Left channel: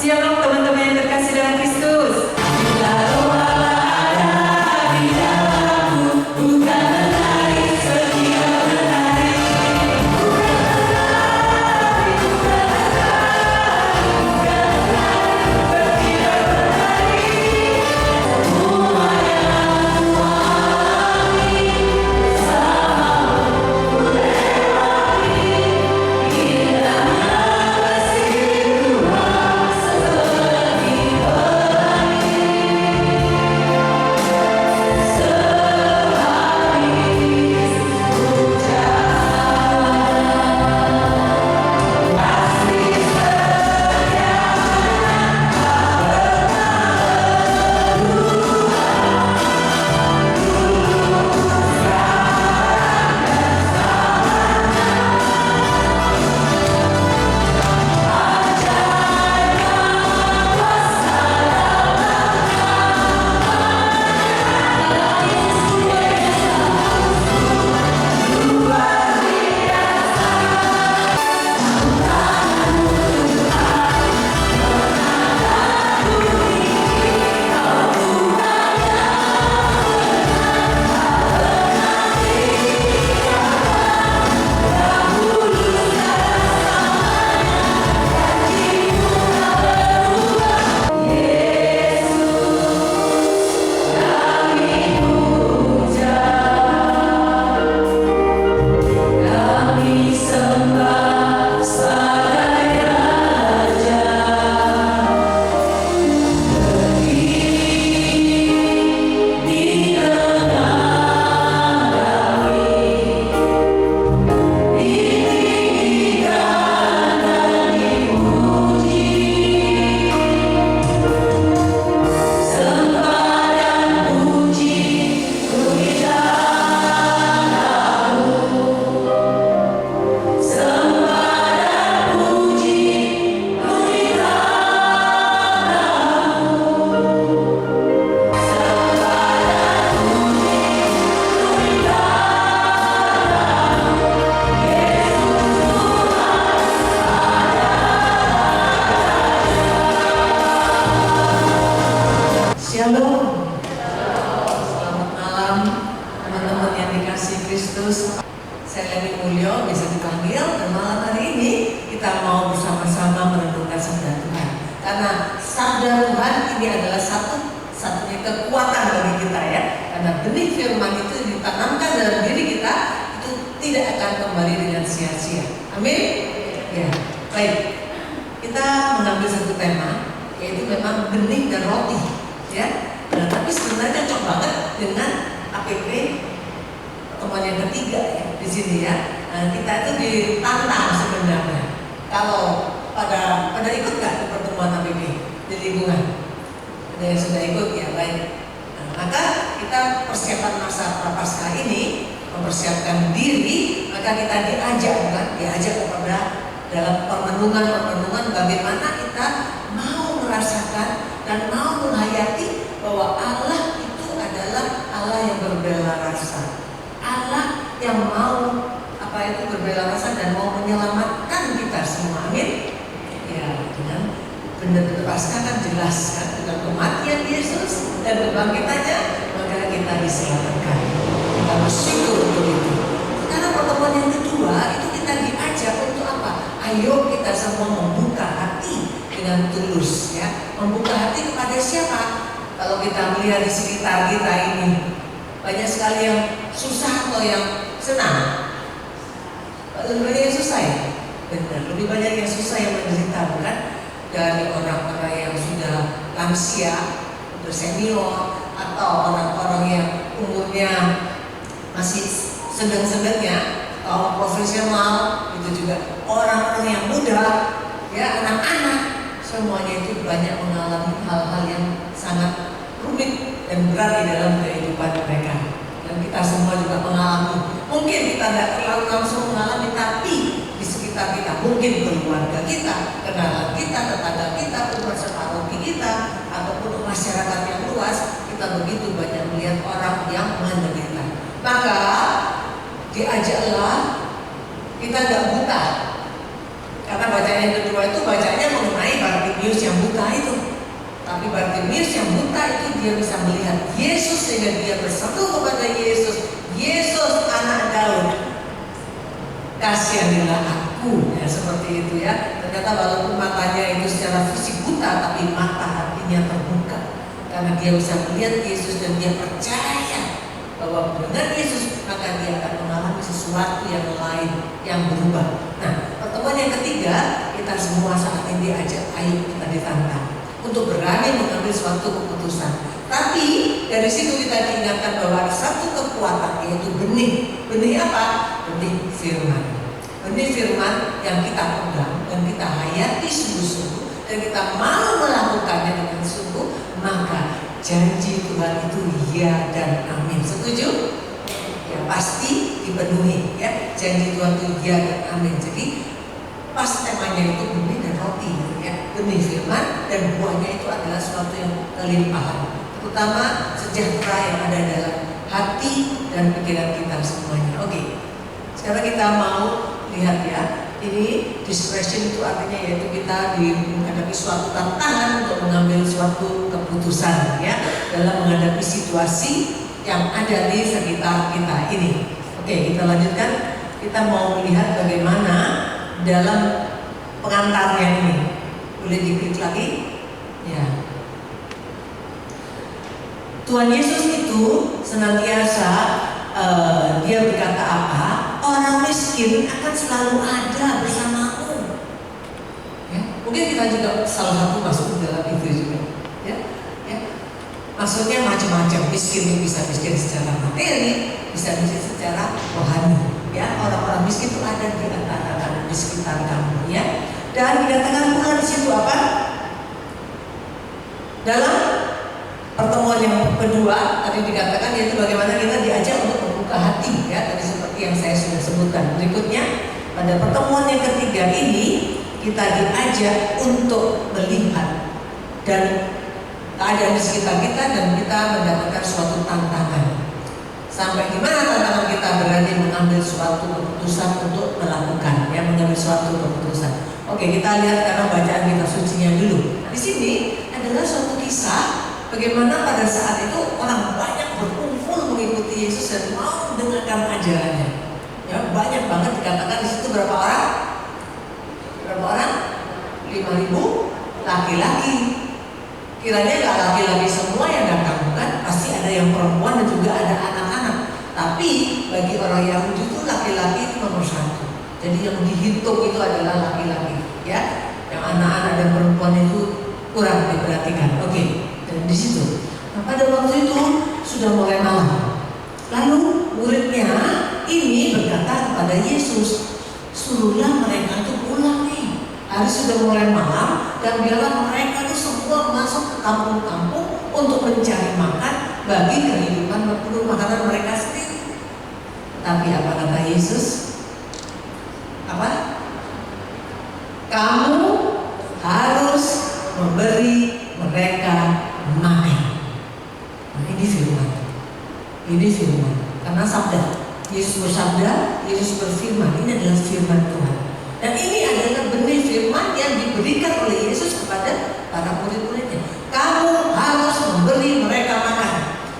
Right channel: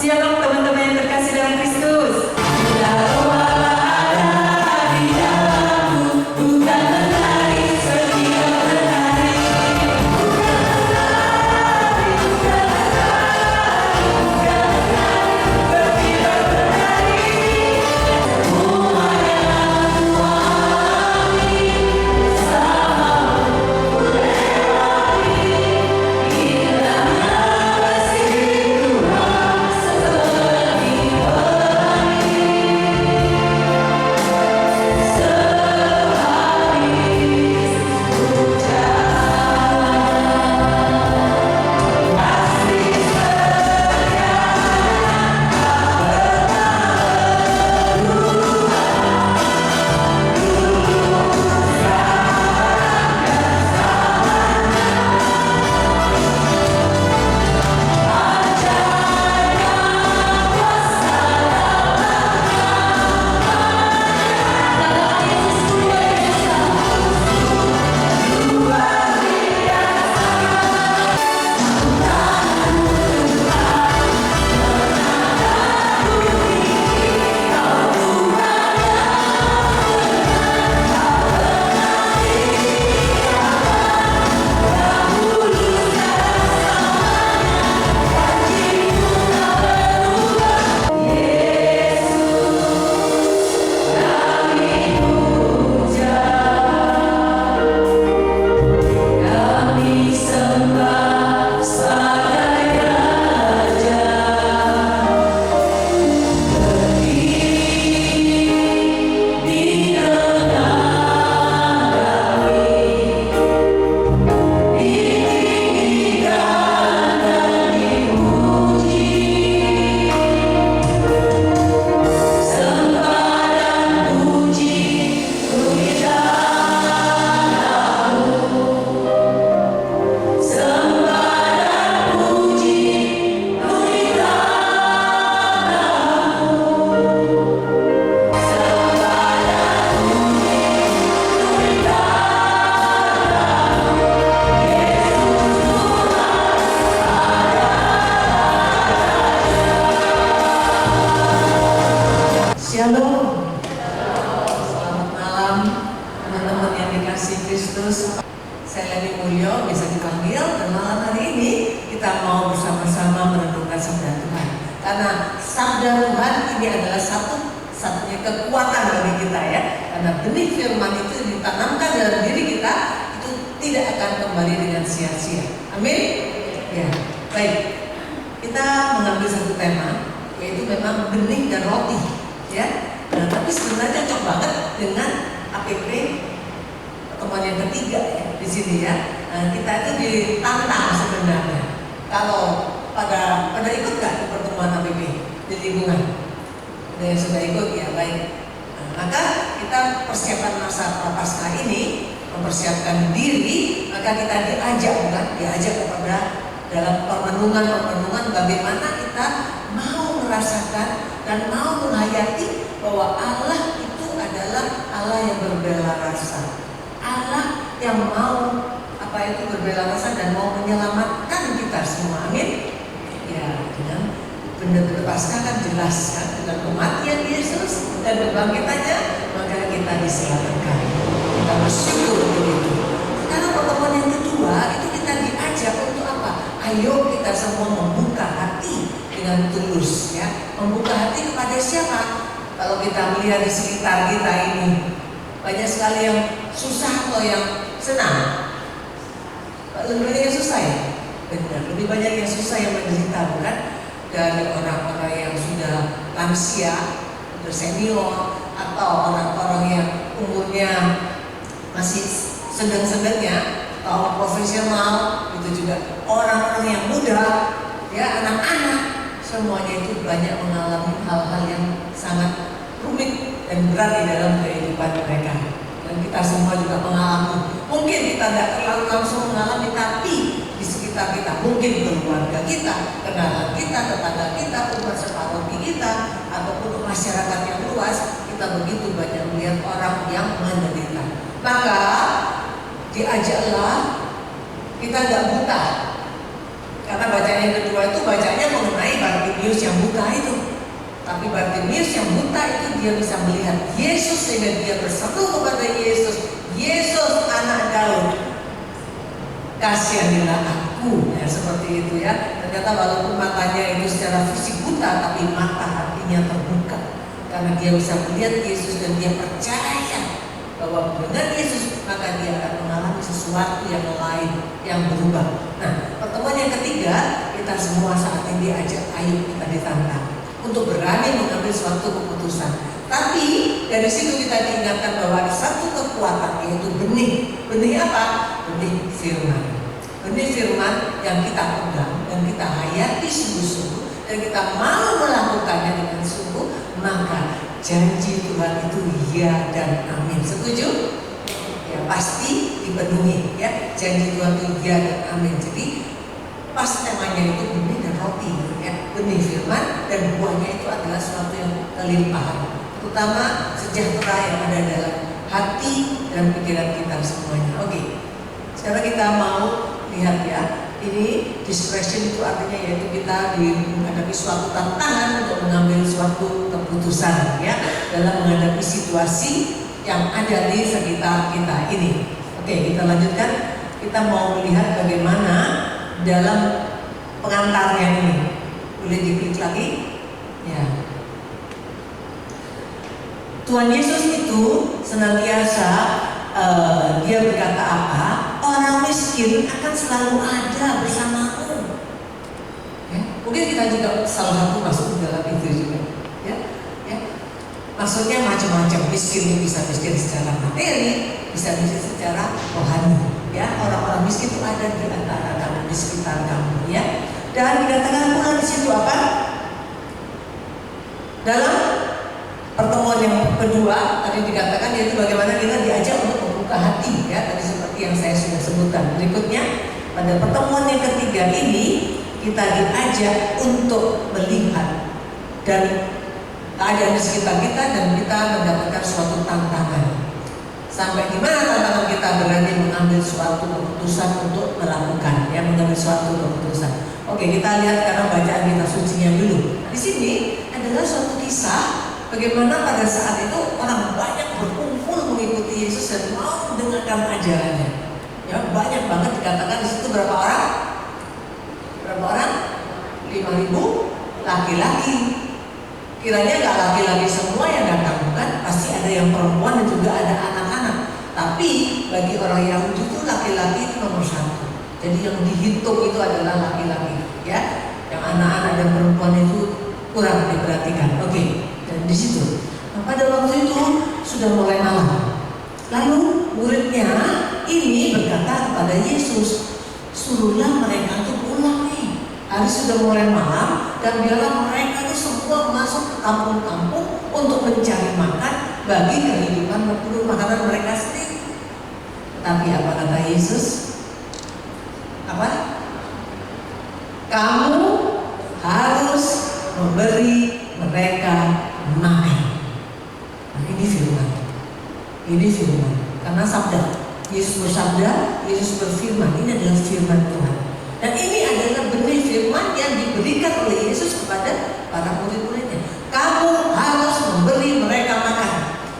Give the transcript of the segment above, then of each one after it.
Shalom teman-teman yang terkasih dalam Kristus. Bila roh Allah ada di dalammu, bukan menari setiap berhari. Shalom. Selamat malam teman-teman yang dikasihi Kristus. Saya Leni Mulyo, bisa dipanggil, dan malam hari ini kita mau bersama-sama merenungkan sabda Tuhan. Karena sabda Tuhan ini adalah satu-satunya kekuatan bagi kita ya. Karena benih firman itu ditanamkan dalam diri kita, itu tidak akan kembali dengan sia-sia. Amin. Ya, baik. Kita mengambil satu tema, yaitu memang benih dan roti. Ya, nah, tapi sebenarnya cocok banget dengan APP pertemuan yang ketiga ya di sini ya. Nah, kita itu ditantang sebenarnya. Kalau pada ikut nggak di pertemuan APP di lingkungan? Ada yang sudah ikut ya, baik. Nah, maka kita persiapan masa prapaskah ini mempersiapkan diri, maka kita diajak kepada dalam permenungan bagaimana kita mau merasakan dan mau menghayati bahwa Allah itu adalah Allah yang berbela rasa, Allah yang mau berbela rasa dan mau menyelamatkan kita semua. Amin. Ya, dengan benar-benar Paskah kan jelas kan, dengan kematian Yesus dan kebangkitannya, maka kita diselamatkan. Kita bersyukur untuk itu. Karena pertemuan yang kedua itu kita diajak untuk apa? Ayo kita semua membuka hati dengan tulus ya. Membuka hati kepada siapa? Kalau kita melihat di sekitar kita ini banyak sekali yang susah atau yang senang. Lebih banyak yang susah ya? Benar, lebih banyak yang susah yang menderita bukan? Dari orang-orang yang sudah lansia, sudah senior, atau orang-orang yang umurnya masih sedang-sedangnya, atau profesional, itu juga orang-orang yang muda, ya anak-anak, semuanya itu banyak mengalami hal-hal yang sangat rumit dan berat di dalam kehidupan mereka. Dan kita semua juga mengalami. Mungkin kita tidak terlalu langsung mengalami, tapi di sekitar kita, mungkin keluarga kita, kenalan kita, tetangga kita, umur separuh kita, ataupun masyarakat yang luas, kita begitu banyak melihat orang yang menderita. Maka diajaklah kita nggak buta. Karena bacaan yang kedua itu bacanya mengenai Bartimeo Bartimius yang buta itu. Tapi Bartimius yang buta itu dia bisa melihat Yesus sehingga dia berseru kepada Yesus, Yesus anak Daud, kasihanilah aku. Ya, seperti itu ya. Ternyata walaupun matanya itu secara fisik buta, tapi mata hatinya terbuka karena dia bisa melihat Yesus dan dia percaya bahwa dengan Yesus maka dia akan mengalami sesuatu yang lain yang berubah. Nah, pertemuan yang ketiga, kita semua saat ini diajak, ayo kita ditantang untuk berani mengambil suatu keputusan. Tapi dari situ kita diingatkan bahwa ada satu kekuatan, yaitu benih. Benih apa? Benih firman. Benih firman yang kita pegang dan kita hayati sungguh-sungguh dan kita mau melakukannya dengan sungguh, maka janji Tuhan itu ya dan amin. Setuju? Ya, pasti dipenuhi ya. Janji Tuhan itu ya dan amin. Jadi pas temanya itu benih dan roti ya. Benih firman dan buahnya itu adalah suatu yang kelimpahan, terutama sejahtera yang ada dalam hati dan pikiran kita semuanya. Oke. Sekarang kita mau lihat ya. Ini discretion itu artinya yaitu kita menghadapi suatu tantangan untuk mengambil suatu keputusan ya dalam menghadapi situasi yang ada di sekitar kita ini. Oke, kita lanjutkan. Kita mau melihat bagaimana dalam pengantarnya ini. Boleh diklik lagi? Ya. Tuhan Yesus itu senantiasa dia berkata apa? Orang miskin akan selalu ada bersamamu. Ya, mungkin kita juga salah satu masuk dalam itu juga. Ya, ya. Maksudnya macam-macam. Miskin itu bisa miskin secara materi, bisa miskin secara rohani. Ya, orang-orang miskin itu ada di antara di sekitar kamu. Ya, dan dikatakan pula di situ apa? Dalam pertemuan yang kedua tadi dikatakan yaitu bagaimana kita diajak untuk membuka hati ya, tadi seperti yang saya sudah sebutkan. Berikutnya pada pertemuan yang ketiga ini kita diajak untuk melihat dan keadaan di sekitar kita dan kita mendapatkan suatu tantangan. Sampai di mana tantangan kita berani mengambil suatu keputusan untuk melakukan ya, mengambil suatu keputusan. Oke, kita lihat karena bacaan kita sucinya dulu. Di sini adalah suatu kisah bagaimana pada saat itu orang banyak berkumpul mengikuti Yesus dan mau mendengarkan ajarannya. Ya, banyak banget dikatakan di situ berapa orang? Berapa orang? 5.000 laki-laki. Kiranya nggak laki-laki semua yang datang, bukan? Pasti ada yang perempuan dan juga ada anak-anak. Tapi bagi orang Yahudi itu laki-laki itu nomor satu. Jadi yang dihitung itu adalah laki-laki, ya. Yang anak-anak dan perempuan itu kurang diperhatikan. Oke. Dan di situ, nah, pada waktu itu sudah mulai malam. Lalu muridnya ini berkata kepada Yesus, suruhlah mereka itu pulang nih. Hari sudah mulai malam dan biarlah mereka itu semua masuk ke kampung-kampung untuk mencari makan bagi kehidupan berburu makanan mereka sendiri. Tapi apa kata Yesus? Apa? Kamu harus memberi mereka makan. Nah, ini firman. Ini firman. Karena sabda. Yesus bersabda, Yesus berfirman. Ini adalah firman Tuhan. Dan ini adalah benih firman yang diberikan oleh Yesus kepada para murid-muridnya. Kamu harus memberi mereka makan.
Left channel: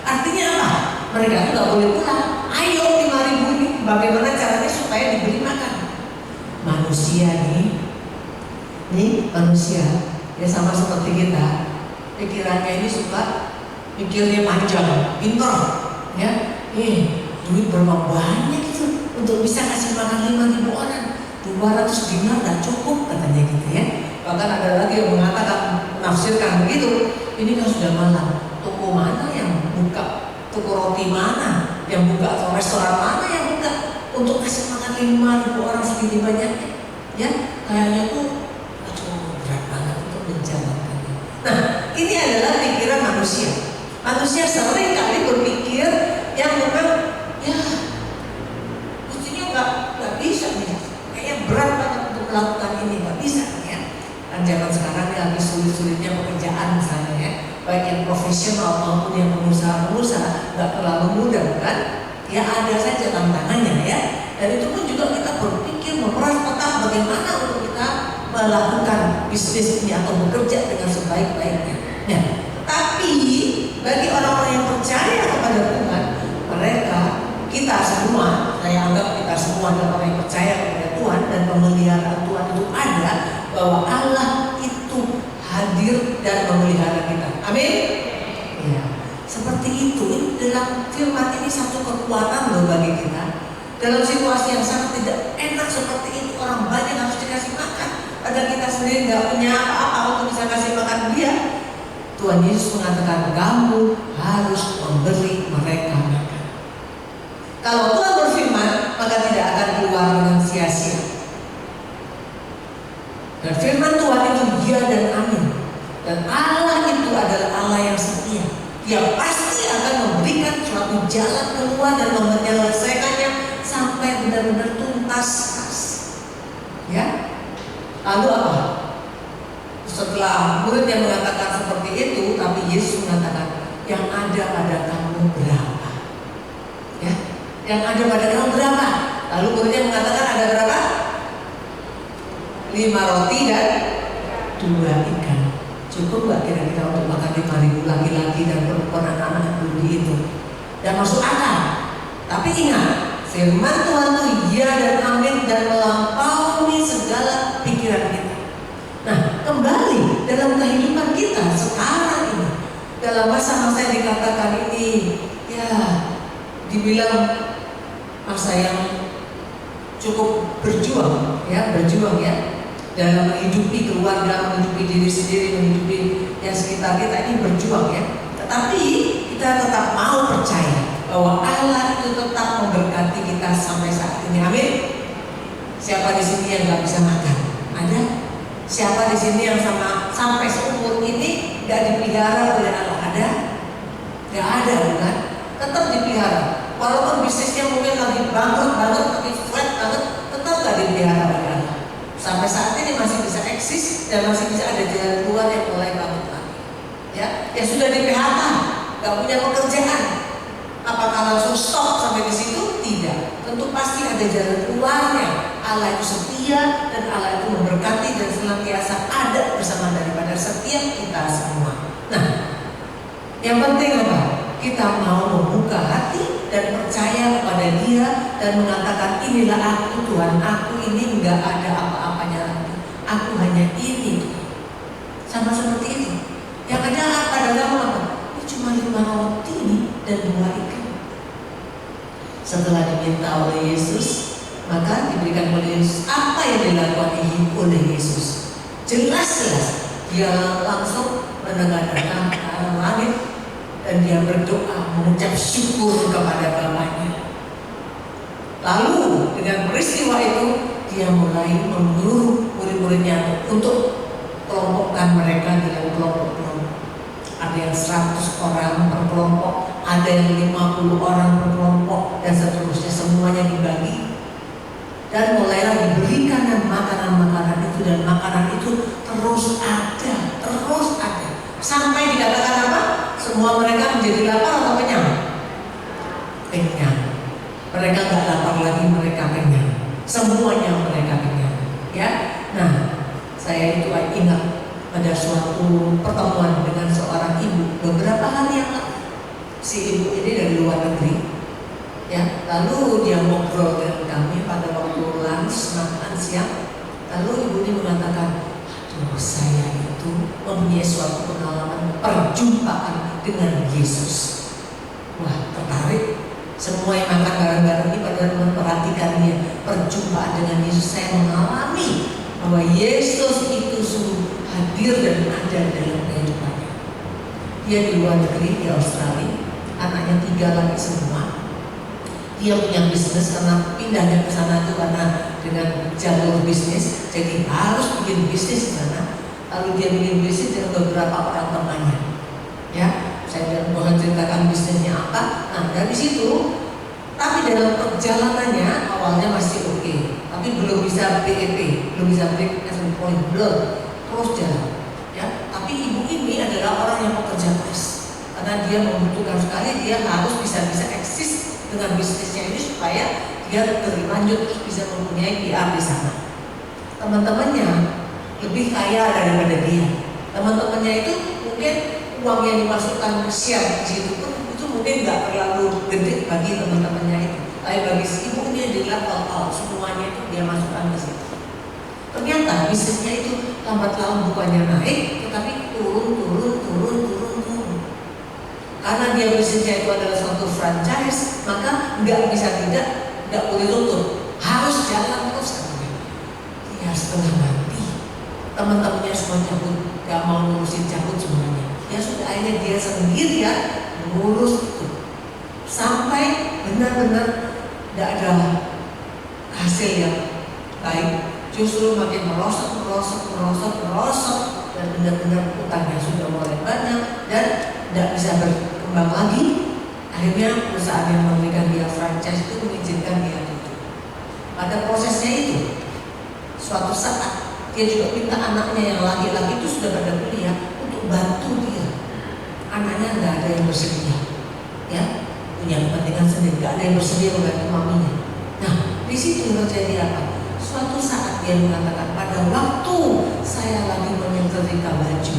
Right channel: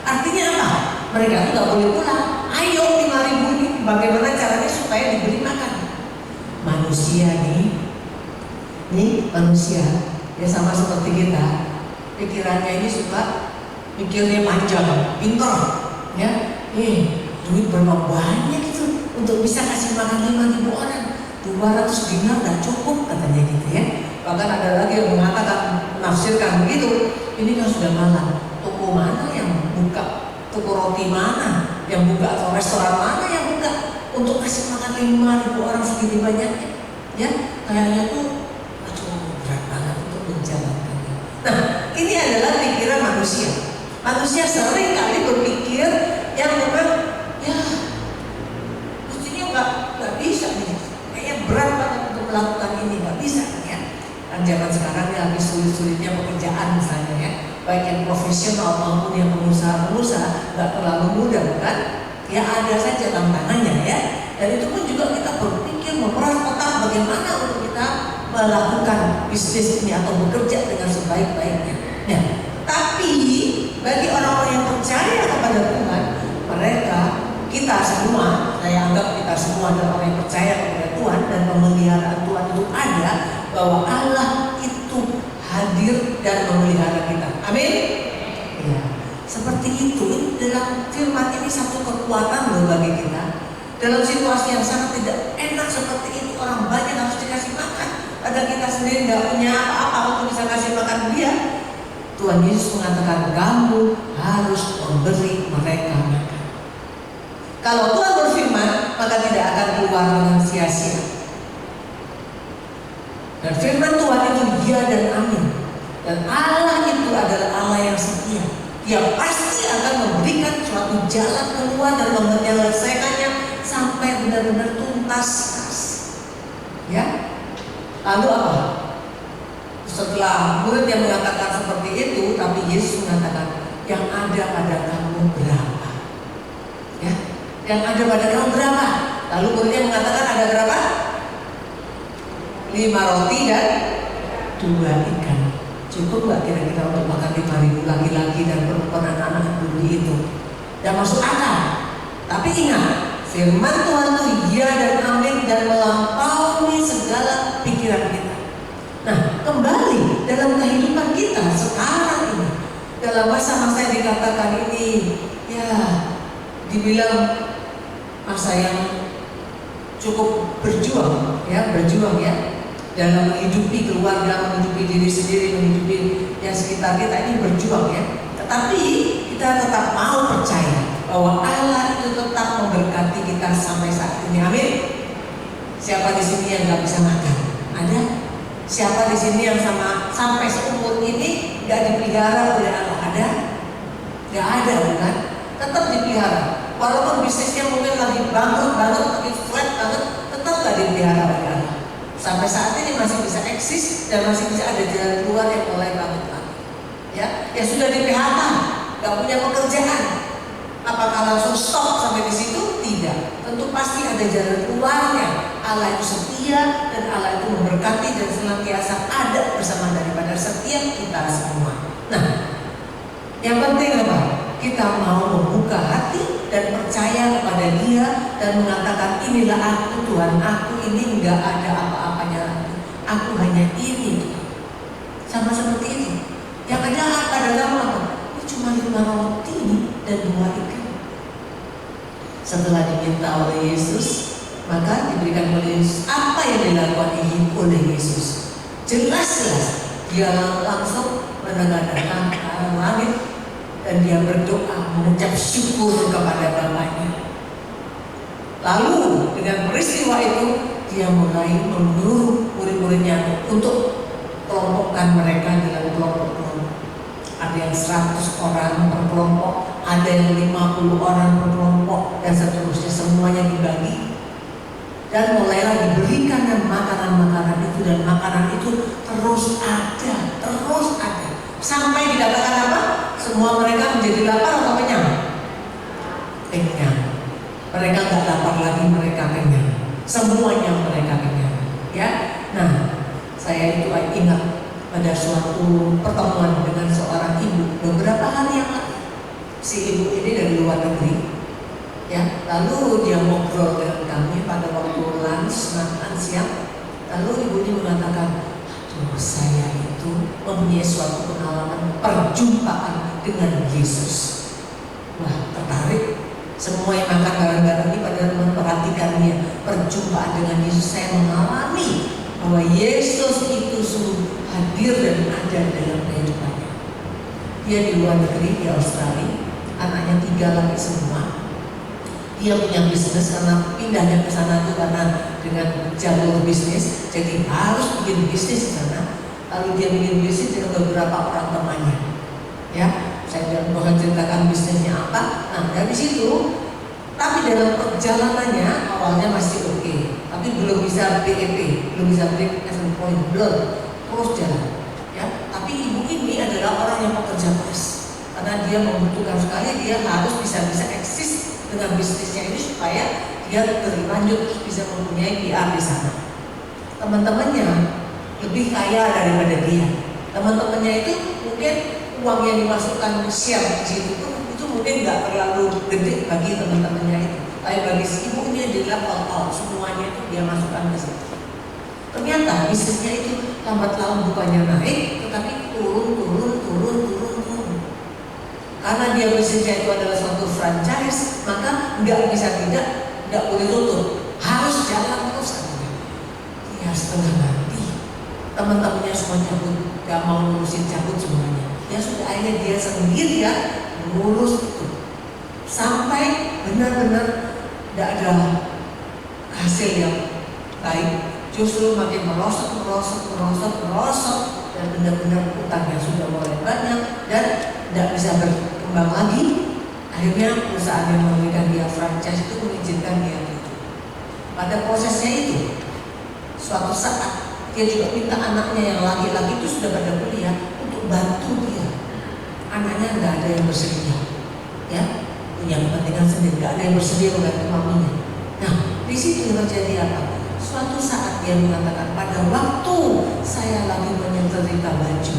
Artinya apa? Mereka itu nggak boleh pulang. Ayo 5.000 ini, bagaimana caranya supaya diberi makan? Manusia nih manusia. Ya sama seperti kita. Pikirannya ini suka pikirnya panjang, pintar, ya. Duit berapa banyak itu untuk bisa kasih makan 5.000 orang. 200 dinar gak cukup katanya gitu ya. Bahkan ada lagi yang mengatakan, menafsirkan begitu. Ini kan sudah malam. Toko mana yang buka? Toko roti mana yang buka? Atau restoran mana yang buka untuk kasih makan 5.000 orang segini banyaknya? Ya, kayaknya tuh berat banget untuk menjalankannya. Nah, ini adalah pikiran manusia. Manusia sering kali berpikir yang memang ya mestinya nggak bisa nih, kayaknya berat banget untuk melakukan ini, nggak bisa ya. Kan zaman sekarang ini lagi sulit-sulitnya pekerjaan misalnya ya, baik yang profesional maupun yang pengusaha nggak terlalu mudah kan? Ya ada saja tantangannya ya. Dan itu pun juga kita berpikir memeras otak bagaimana untuk kita melakukan bisnis ini atau bekerja dengan sebaik-baiknya. Nah, tapi bagi orang-orang yang percaya kepada Tuhan, kita semua, saya anggap kita semua adalah orang yang percaya kepada Tuhan dan pemeliharaan Tuhan itu ada, bahwa Allah itu hadir dan memelihara kita. Amin. Ya, seperti itu. Dalam firman ini satu kekuatan loh bagi kita. Dalam situasi yang sangat tidak enak seperti itu, orang banyak harus dikasih makan, padahal kita sendiri nggak punya apa-apa untuk bisa kasih makan dia. Tuhan Yesus mengatakan, kamu harus memberi mereka makan. Kalau Tuhan berfirman, maka tidak akan keluar dengan sia-sia. Dan firman Tuhan itu ya dan amin. Dan Allah itu adalah Allah yang setia. Dia pasti akan memberikan suatu jalan keluar dan menyelesaikannya sampai benar-benar tuntas. Ya. Lalu apa? Setelah murid yang mengatakan seperti itu, tapi Yesus mengatakan, yang ada pada kamu berapa? Ya. Yang ada pada kamu berapa? Lalu muridnya mengatakan, ada berapa? 5 roti dan 2 ikan. Cukup gak kira-kira untuk makan 5.000 laki-laki dan perempuan anak-anak budi itu? Dan masuk akal. Tapi ingat, firman Tuhan itu ya dan amin dan melampaui segala pikiran kita. Nah, kembali dalam kehidupan kita sekarang ini, dalam masa-masa yang dikatakan ini, ya dibilang masa yang cukup berjuang ya dalam menghidupi keluarga, menghidupi diri sendiri, menghidupi yang sekitar kita ini berjuang ya. Tetapi kita tetap mau percaya bahwa Allah itu tetap memberkati kita sampai saat ini. Amin. Siapa di sini yang nggak bisa makan? Ada? Siapa di sini yang sampai seumur ini nggak dipelihara oleh Allah? Ada? Nggak ada, bukan? Tetap dipelihara. Walaupun bisnisnya mungkin lagi bangkrut banget, lagi flat banget, tetap nggak dipelihara oleh Allah. Sampai saat ini masih bisa eksis dan masih bisa ada jalan keluar yang mulai banget lagi. Ya, yang sudah di PHK, nggak punya pekerjaan. Apakah langsung stop sampai di situ? Tidak. Tentu pasti ada jalan keluarnya. Allah itu setia dan Allah itu memberkati dan senantiasa ada bersama daripada setiap kita semua. Nah, yang penting apa? Kita mau membuka hati dan percaya kepada Dia dan mengatakan, inilah aku Tuhan, aku ini enggak ada apa-apanya lagi. Aku hanya ini. Sama seperti ini. Yang ada pada kamu apa? Ini cuma 5 roti dan 2 ikan. Setelah diminta oleh Yesus, maka diberikan oleh Yesus apa yang dilakukan oleh Yesus. Jelas-jelas dia langsung menengadahkan langit dan dia berdoa mengucap syukur kepada Bapaknya. Lalu dengan peristiwa itu dia mulai menyuruh murid-muridnya untuk kelompokkan mereka dalam kelompok-kelompok. Ada yang 100 orang per kelompok, ada yang 50 orang per kelompok, dan seterusnya, semuanya dibagi. Dan mulailah diberikan dan makanan-makanan itu, dan makanan itu terus ada. Sampai dikatakan apa? Semua mereka menjadi lapar atau kenyang? Kenyang. Mereka nggak lapar lagi, mereka kenyang. Semuanya mereka kenyang. Ya, nah saya itu ingat pada suatu pertemuan dengan seorang ibu beberapa hari yang lalu. Si ibu ini dari luar negeri. Ya, lalu dia ngobrol dengan kami pada waktu lunch, makan siang. Lalu ibu ini mengatakan, aduh, saya itu mempunyai suatu pengalaman perjumpaan dengan Yesus. Wah, tertarik. Semua yang makan bareng-bareng ini pada memperhatikan dia. Perjumpaan dengan Yesus, saya mengalami bahwa Yesus itu sungguh hadir dan ada dalam kehidupannya. Dia di luar negeri, di Australia, anaknya 3 lagi semua. Dia punya bisnis karena pindahnya ke sana itu karena dengan jalur bisnis, jadi harus bikin bisnis di sana. Lalu dia bikin bisnis dengan beberapa orang temannya. Ya, saya tidak ceritakan bisnisnya apa. Nah, dari situ, tapi dalam perjalanannya awalnya masih oke, tapi belum bisa BEP, belum bisa break even point, belum, terus jalan. Ya, tapi ibu ini adalah orang yang pekerja keras karena dia membutuhkan sekali, dia harus bisa eksis dengan bisnisnya ini supaya dia berlanjut terus bisa mempunyai PR di sana. Teman-temannya lebih kaya daripada dia. Teman-temannya itu mungkin uang yang dimasukkan share di situ pun itu mungkin nggak terlalu gede bagi teman-temannya itu. Tapi bagi si ibu ini di level semuanya itu dia masukkan ke situ. Ternyata bisnisnya itu lambat laun bukannya naik, tetapi turun. Karena dia bisnisnya itu adalah suatu franchise, maka nggak bisa tidak boleh tutup, harus jalan terus. Dia setengah mati, teman-temannya semua cabut, nggak mau ngurusin, cabut semuanya. Ya sudah, akhirnya dia sendiri ya ngurus itu sampai benar-benar tidak ada hasil yang baik, justru makin merosot dan benar-benar utangnya sudah mulai banyak dan tidak bisa berkembang lagi. Akhirnya perusahaan yang memberikan dia franchise itu mengizinkan dia itu. Pada prosesnya itu, suatu saat dia juga minta anaknya yang laki-laki itu sudah pada kuliah untuk bantu dia. Anaknya nggak ada yang bersedia, ya, punya kepentingan sendiri, nggak ada yang bersedia membantu maminya. Nah, di situ terjadi apa? Suatu saat dia mengatakan, pada waktu saya lagi menyetrika baju,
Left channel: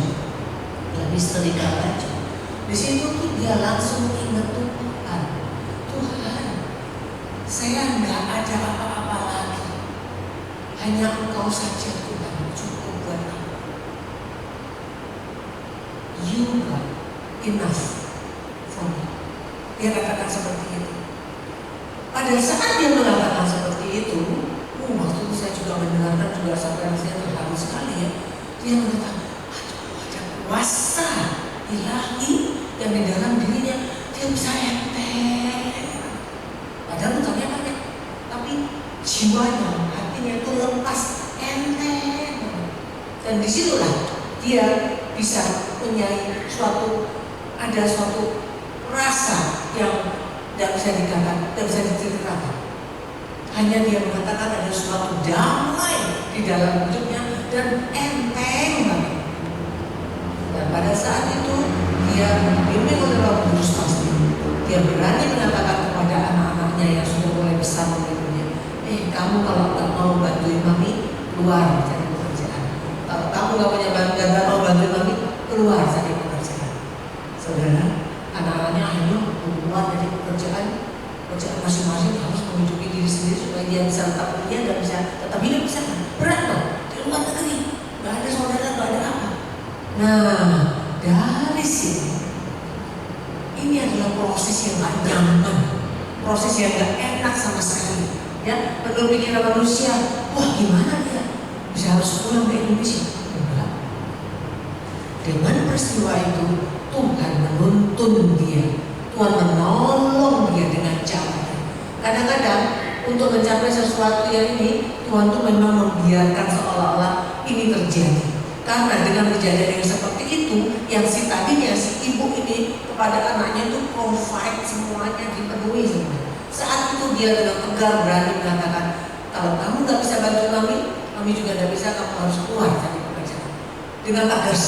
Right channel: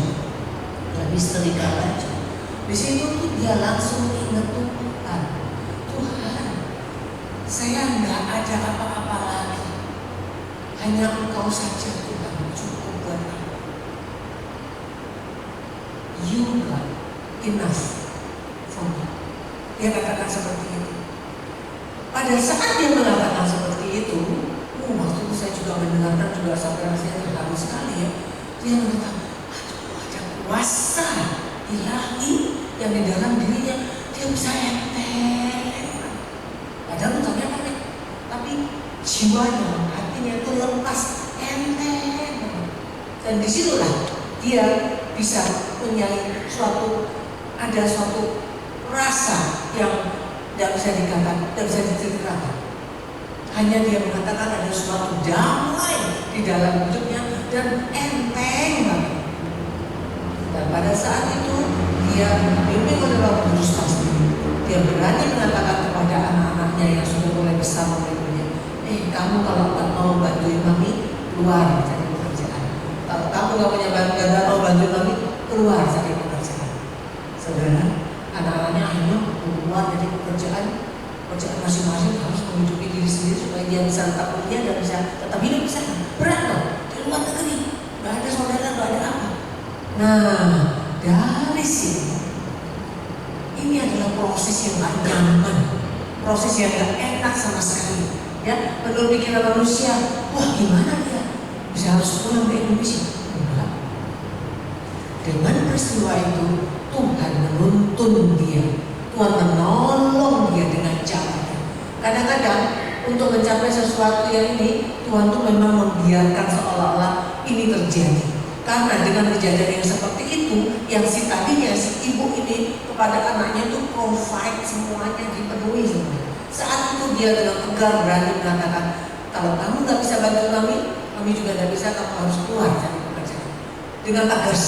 di situ tuh dia langsung ingat Tuhan. Saya nggak ada apa-apa lagi, hanya Engkau saja Tuhan, cukup buat aku. You are enough for me. Dia katakan seperti itu. Pada saat dia mengatakan seperti itu, waktu itu saya juga mendengarkan juga sampai rasanya terharu sekali ya. Dia mengatakan, ada kuasa ilahi yang di dalam dirinya, dia bisa enteng. Padahal utangnya banyak, tapi jiwanya, hatinya itu lepas, enteng. Dan disitulah dia bisa punya suatu rasa yang tidak bisa dikatakan, tidak bisa diceritakan. Hanya dia mengatakan ada suatu damai di dalam hidupnya dan enteng banget. Dan pada saat itu dia dibimbing oleh Roh Kudus pasti. Dia berani mengatakan kepada anak-anaknya yang sudah mulai besar memikirnya, kamu kalau tak mau bantuin mami, keluar cari pekerjaan. Kalau kamu nggak punya nggak mau bantuin mami, keluar cari pekerjaan. Saudara, anak-anaknya akhirnya keluar dari pekerjaan masing-masing, harus menghidupi diri sendiri supaya dia bisa tetap kuliah dan bisa tetap hidup di sana. Berat loh, di luar negeri, nggak ada saudara, nggak ada apa. Nah, dari sini ini adalah proses yang gak nyaman, proses yang gak enak sama sekali. Ya, menurut pikiran manusia, wah gimana dia bisa harus pulang ke Indonesia? Enggak. Dengan peristiwa itu Tuhan menuntun dia, Tuhan menolong dia dengan caranya. Kadang-kadang untuk mencapai sesuatu yang ini, Tuhan tuh memang membiarkan seolah-olah ini terjadi. Karena dengan kejadian yang seperti itu, yang tadinya si ibu ini kepada anaknya itu provide semuanya, dipenuhi semua. Saat itu dia dengan tegar berani mengatakan, kalau kamu nggak bisa bantu kami juga nggak bisa, kamu harus keluar dari pekerjaan. Dengan tegas.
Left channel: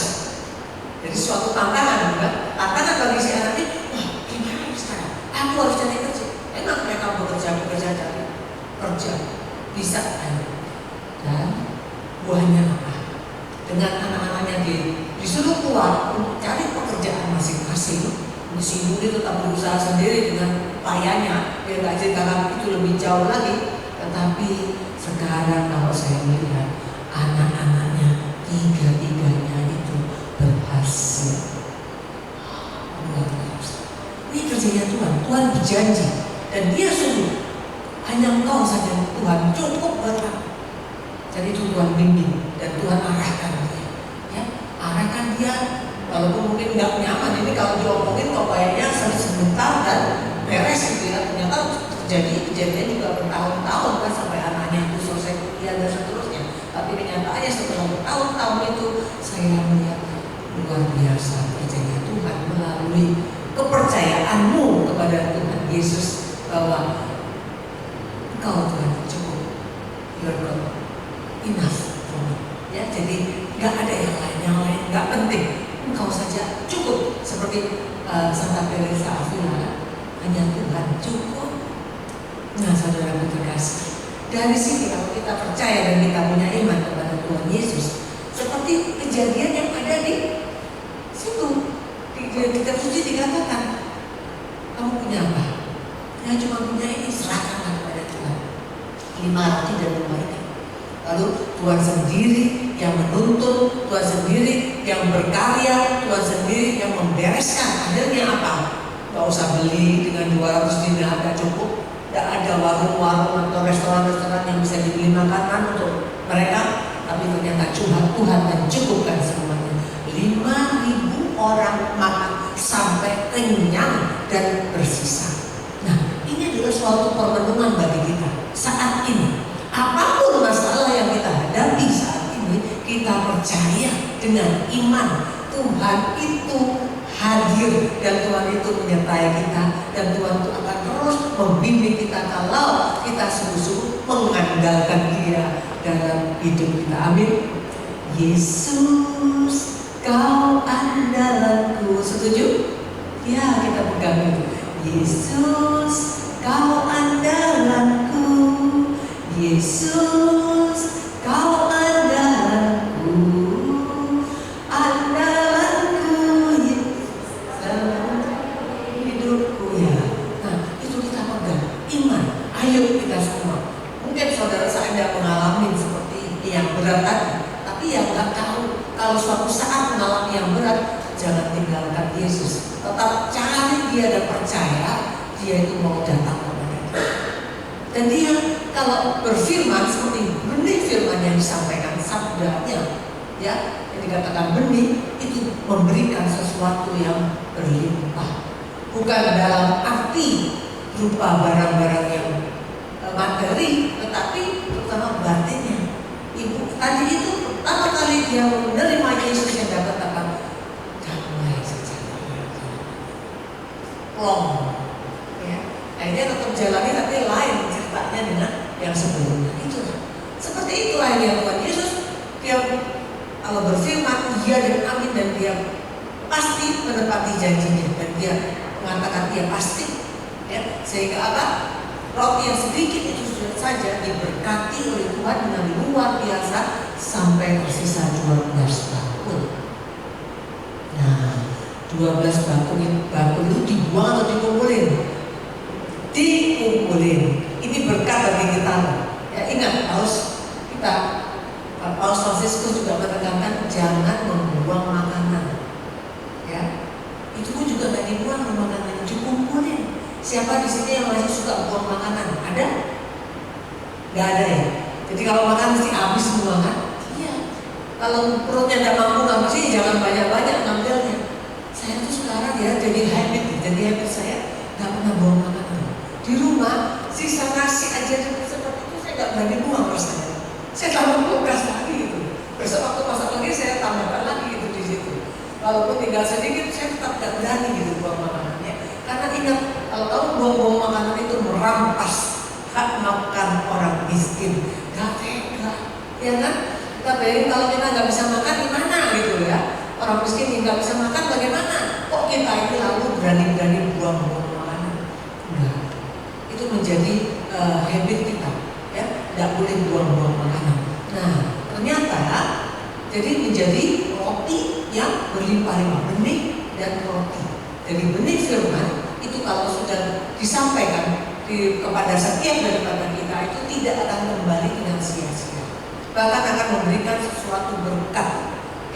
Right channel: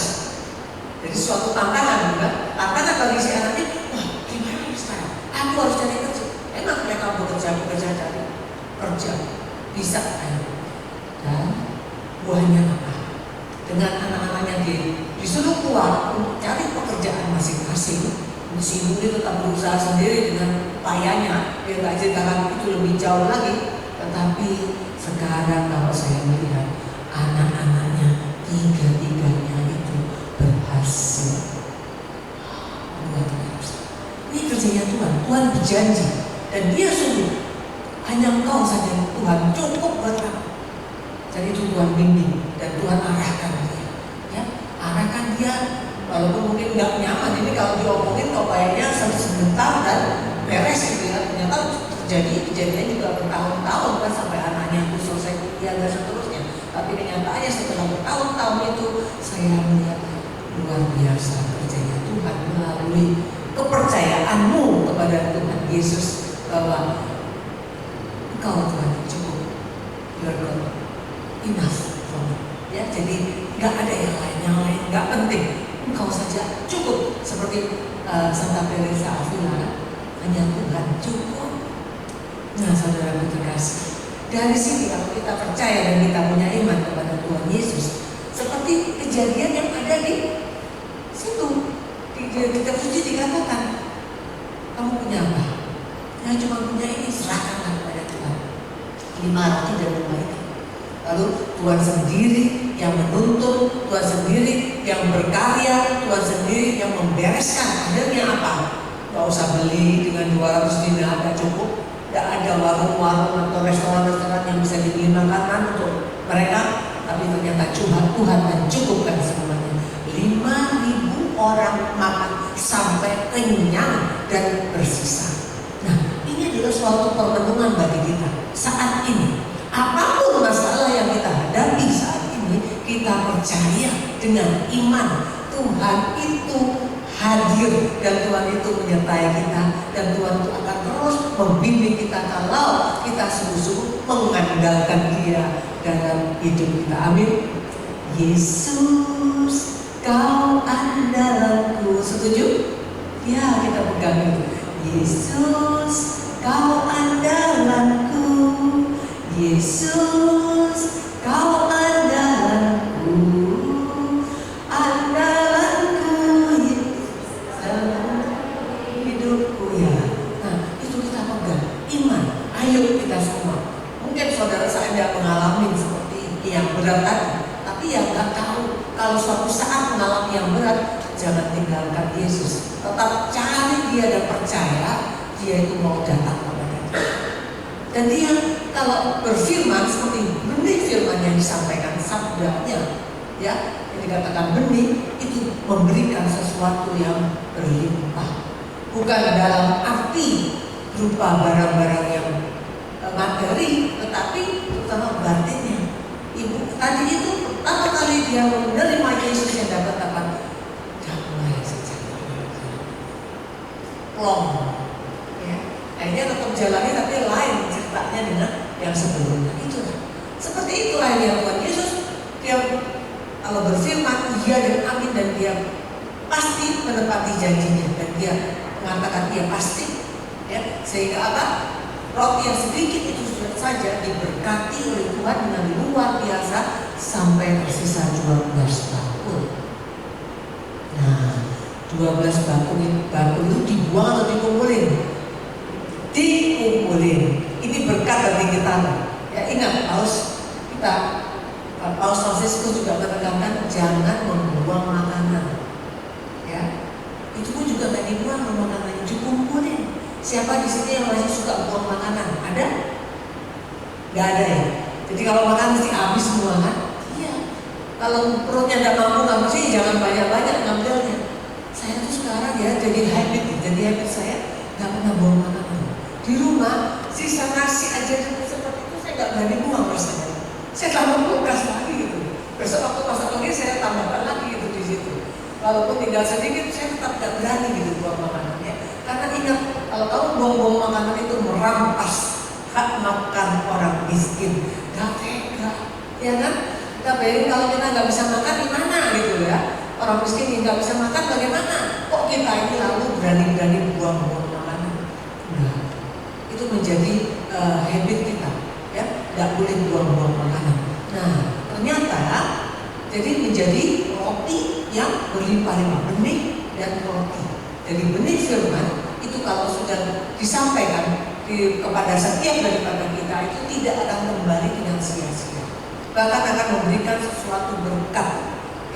Jadi suatu tantangan juga. Tantangan bagi si anaknya, wah gimana sekarang? Aku harus cari kerja. Enak mereka cari kerja bisa kan? Dan buahnya apa? Dengan anak-anaknya disuruh keluar untuk cari pekerjaan masing-masing. Si ibu ini tetap berusaha sendiri dengan payahnya, dia nggak ceritakan itu lebih jauh lagi. Tetapi sekarang kalau saya melihat anak-anaknya tiga-tiganya itu berhasil. Ini kerjanya Tuhan. Tuhan berjanji dan dia suruh hanya Engkau saja Tuhan, cukup buat aku. Jadi itu Tuhan bimbing dan Tuhan arahkan dia, ya, arahkan dia. Walaupun mungkin nggak nyaman, ini kalau diomongin kok kayaknya sebentar dan beres gitu ya. Ternyata terjadi kejadian juga bertahun-tahun kan sampai anaknya itu selesai kuliah dan seterusnya. Tapi kenyataannya setelah bertahun-tahun itu saya melihat luar biasa kerjanya Tuhan melalui kepercayaanmu kepada Tuhan Yesus bahwa Engkau Tuhan cukup, your God enough for me. Ya, jadi nggak ada yang lain nggak penting. Engkau saja cukup, seperti Santa Teresa Avila, hanya Tuhan cukup. Nah, saudara terkasih, dari sini kalau kita percaya dan kita punya iman kepada Tuhan Yesus, Seperti kejadian yang ada di situ. Di kitab suci dikatakan, kamu punya apa? Ya cuma punya ini, serahkanlah kepada Tuhan. 5 roti dan 2 ikan. Lalu Tuhan sendiri yang menuntun, Tuhan sendiri yang berkarya, Tuhan sendiri yang membereskan. Akhirnya apa? Gak usah beli dengan 200 dinar, gak cukup. Gak ada warung-warung atau restoran-restoran yang bisa dibeli makanan untuk mereka. Tapi ternyata Tuhan mencukupkan semuanya. 5.000 orang makan sampai kenyang dan bersisa. Nah, ini adalah suatu permenungan bagi kita saat ini. Apapun masalah yang kita hadapi saat ini, kita percaya dengan iman Tuhan itu hadir dan Tuhan itu menyertai kita, dan Tuhan itu akan terus membimbing kita kalau kita sungguh-sungguh mengandalkan Dia dalam hidup kita. Amin. Yesus, Kau andalanku. Setuju? Ya, kita pegang itu. Yesus, Kau andalanku. Yesus, Kau andalanku. Andalanku, hidupku ya. Nah, itu kita pegang. Iman. Ayo kita semua. Mungkin saudara saya mengalami seperti yang berat tadi, tapi yang nggak tahu kalau suatu saat mengalami yang berat, jangan tinggalkan Yesus. Tetap cari Dia dan percaya Dia itu mau datang kepada kita. Dan Dia kalau berfirman seperti benih firman yang disampaikan sabdanya, ya, yang dikatakan benih itu memberikan sesuatu yang berlimpah. Bukan dalam arti berupa barang-barang yang materi, tetapi terutama batinnya. Ibu tadi itu pertama kali dia menerima Yesus yang katakan, damai sejahtera. Plong, ya. Akhirnya tetap jalani tapi lain ceritanya dengan yang sebelumnya. Itu seperti itu akhirnya Tuhan Yesus. Dia kalau berfirman iya dan amin, dan dia pasti menepati janjinya, dan dia mengatakan dia pasti, ya, sehingga apa? Roti yang sedikit itu saja diberkati oleh Tuhan dengan luar biasa sampai tersisa 12 bakul. Nah, 12 bakul itu dibuang atau dikumpulin? Dikumpulin. Ini berkat bagi kita. Ya, ingat Paus Fransiskus juga menekankan jangan membuang makanan. Ya, itu pun juga nggak dibuang makanannya, dikumpulin. Siapa di sini yang masih suka buang makanan? Ada? Gak ada ya? Jadi kalau makan mesti habis semua kan? Iya. Kalau perutnya tidak mampu ngabisin, jangan banyak-banyak ngambilnya. Saya tuh sekarang ya jadi habit saya gak pernah buang makanan. Di rumah sisa nasi aja seperti itu saya gak berani buang rasanya. Saya tambah kulkas lagi gitu. Besok waktu masak lagi saya tambahkan lagi gitu di situ. Walaupun tinggal sedikit, saya tetap gak berani gitu buang makanannya. Karena ingat, kalau kamu buang-buang makanan itu merampas hak makan orang miskin. Gak tega, ya kan? Kita bayangin kalau kita nggak bisa makan gimana gitu ya. Orang miskin yang nggak bisa makan bagaimana? Kok kita ini lalu berani-berani buang-buang makanan? Enggak. Itu menjadi habit kita, ya. Nggak boleh buang-buang makanan. Nah, ternyata jadi menjadi roti yang berlimpah-limpah, benih dan roti. Jadi benih firman itu kalau sudah disampaikan kepada setiap daripada kita itu tidak akan kembali dengan sia-sia. Bahkan akan memberikan sesuatu berkat,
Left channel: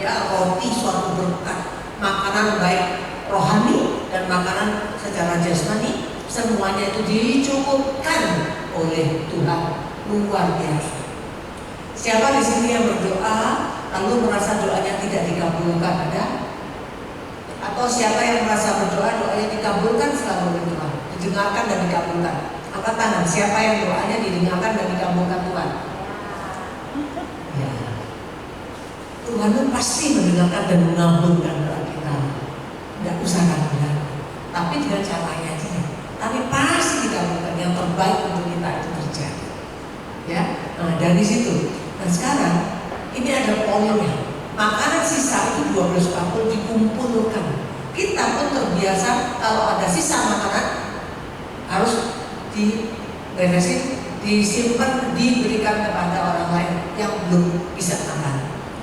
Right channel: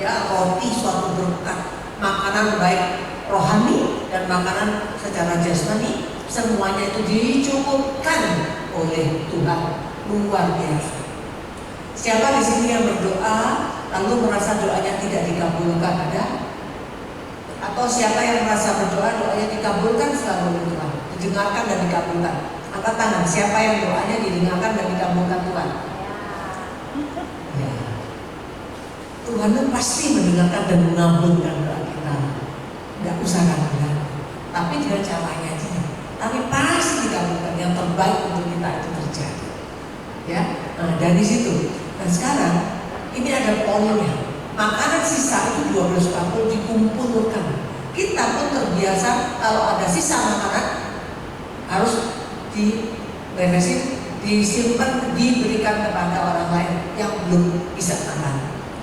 ya, roti suatu berkat, makanan baik rohani dan makanan secara jasmani, semuanya itu dicukupkan oleh Tuhan, luar biasa. Siapa di sini yang berdoa lalu merasa doanya tidak dikabulkan? Ada? Atau siapa yang merasa berdoa doanya dikabulkan selalu oleh Tuhan, didengarkan dan dikabulkan? Angkat tangan. Siapa yang doanya didengarkan dan dikabulkan Tuhan? Ya. Tuhan itu pasti mendengarkan dan mengabulkan doa kita. Tidak usah ragu-ragu. Tapi dengan caranya aja. Tapi pasti dikabulkan. Yang terbaik untuk kita itu terjadi. Ya. Nah, dari situ. Dan sekarang ini ada poinnya. Makanan sisa itu 12 bakul dikumpulkan. Kita pun terbiasa kalau ada sisa makanan harus diberesin, disimpan, diberikan kepada orang lain yang belum bisa makan.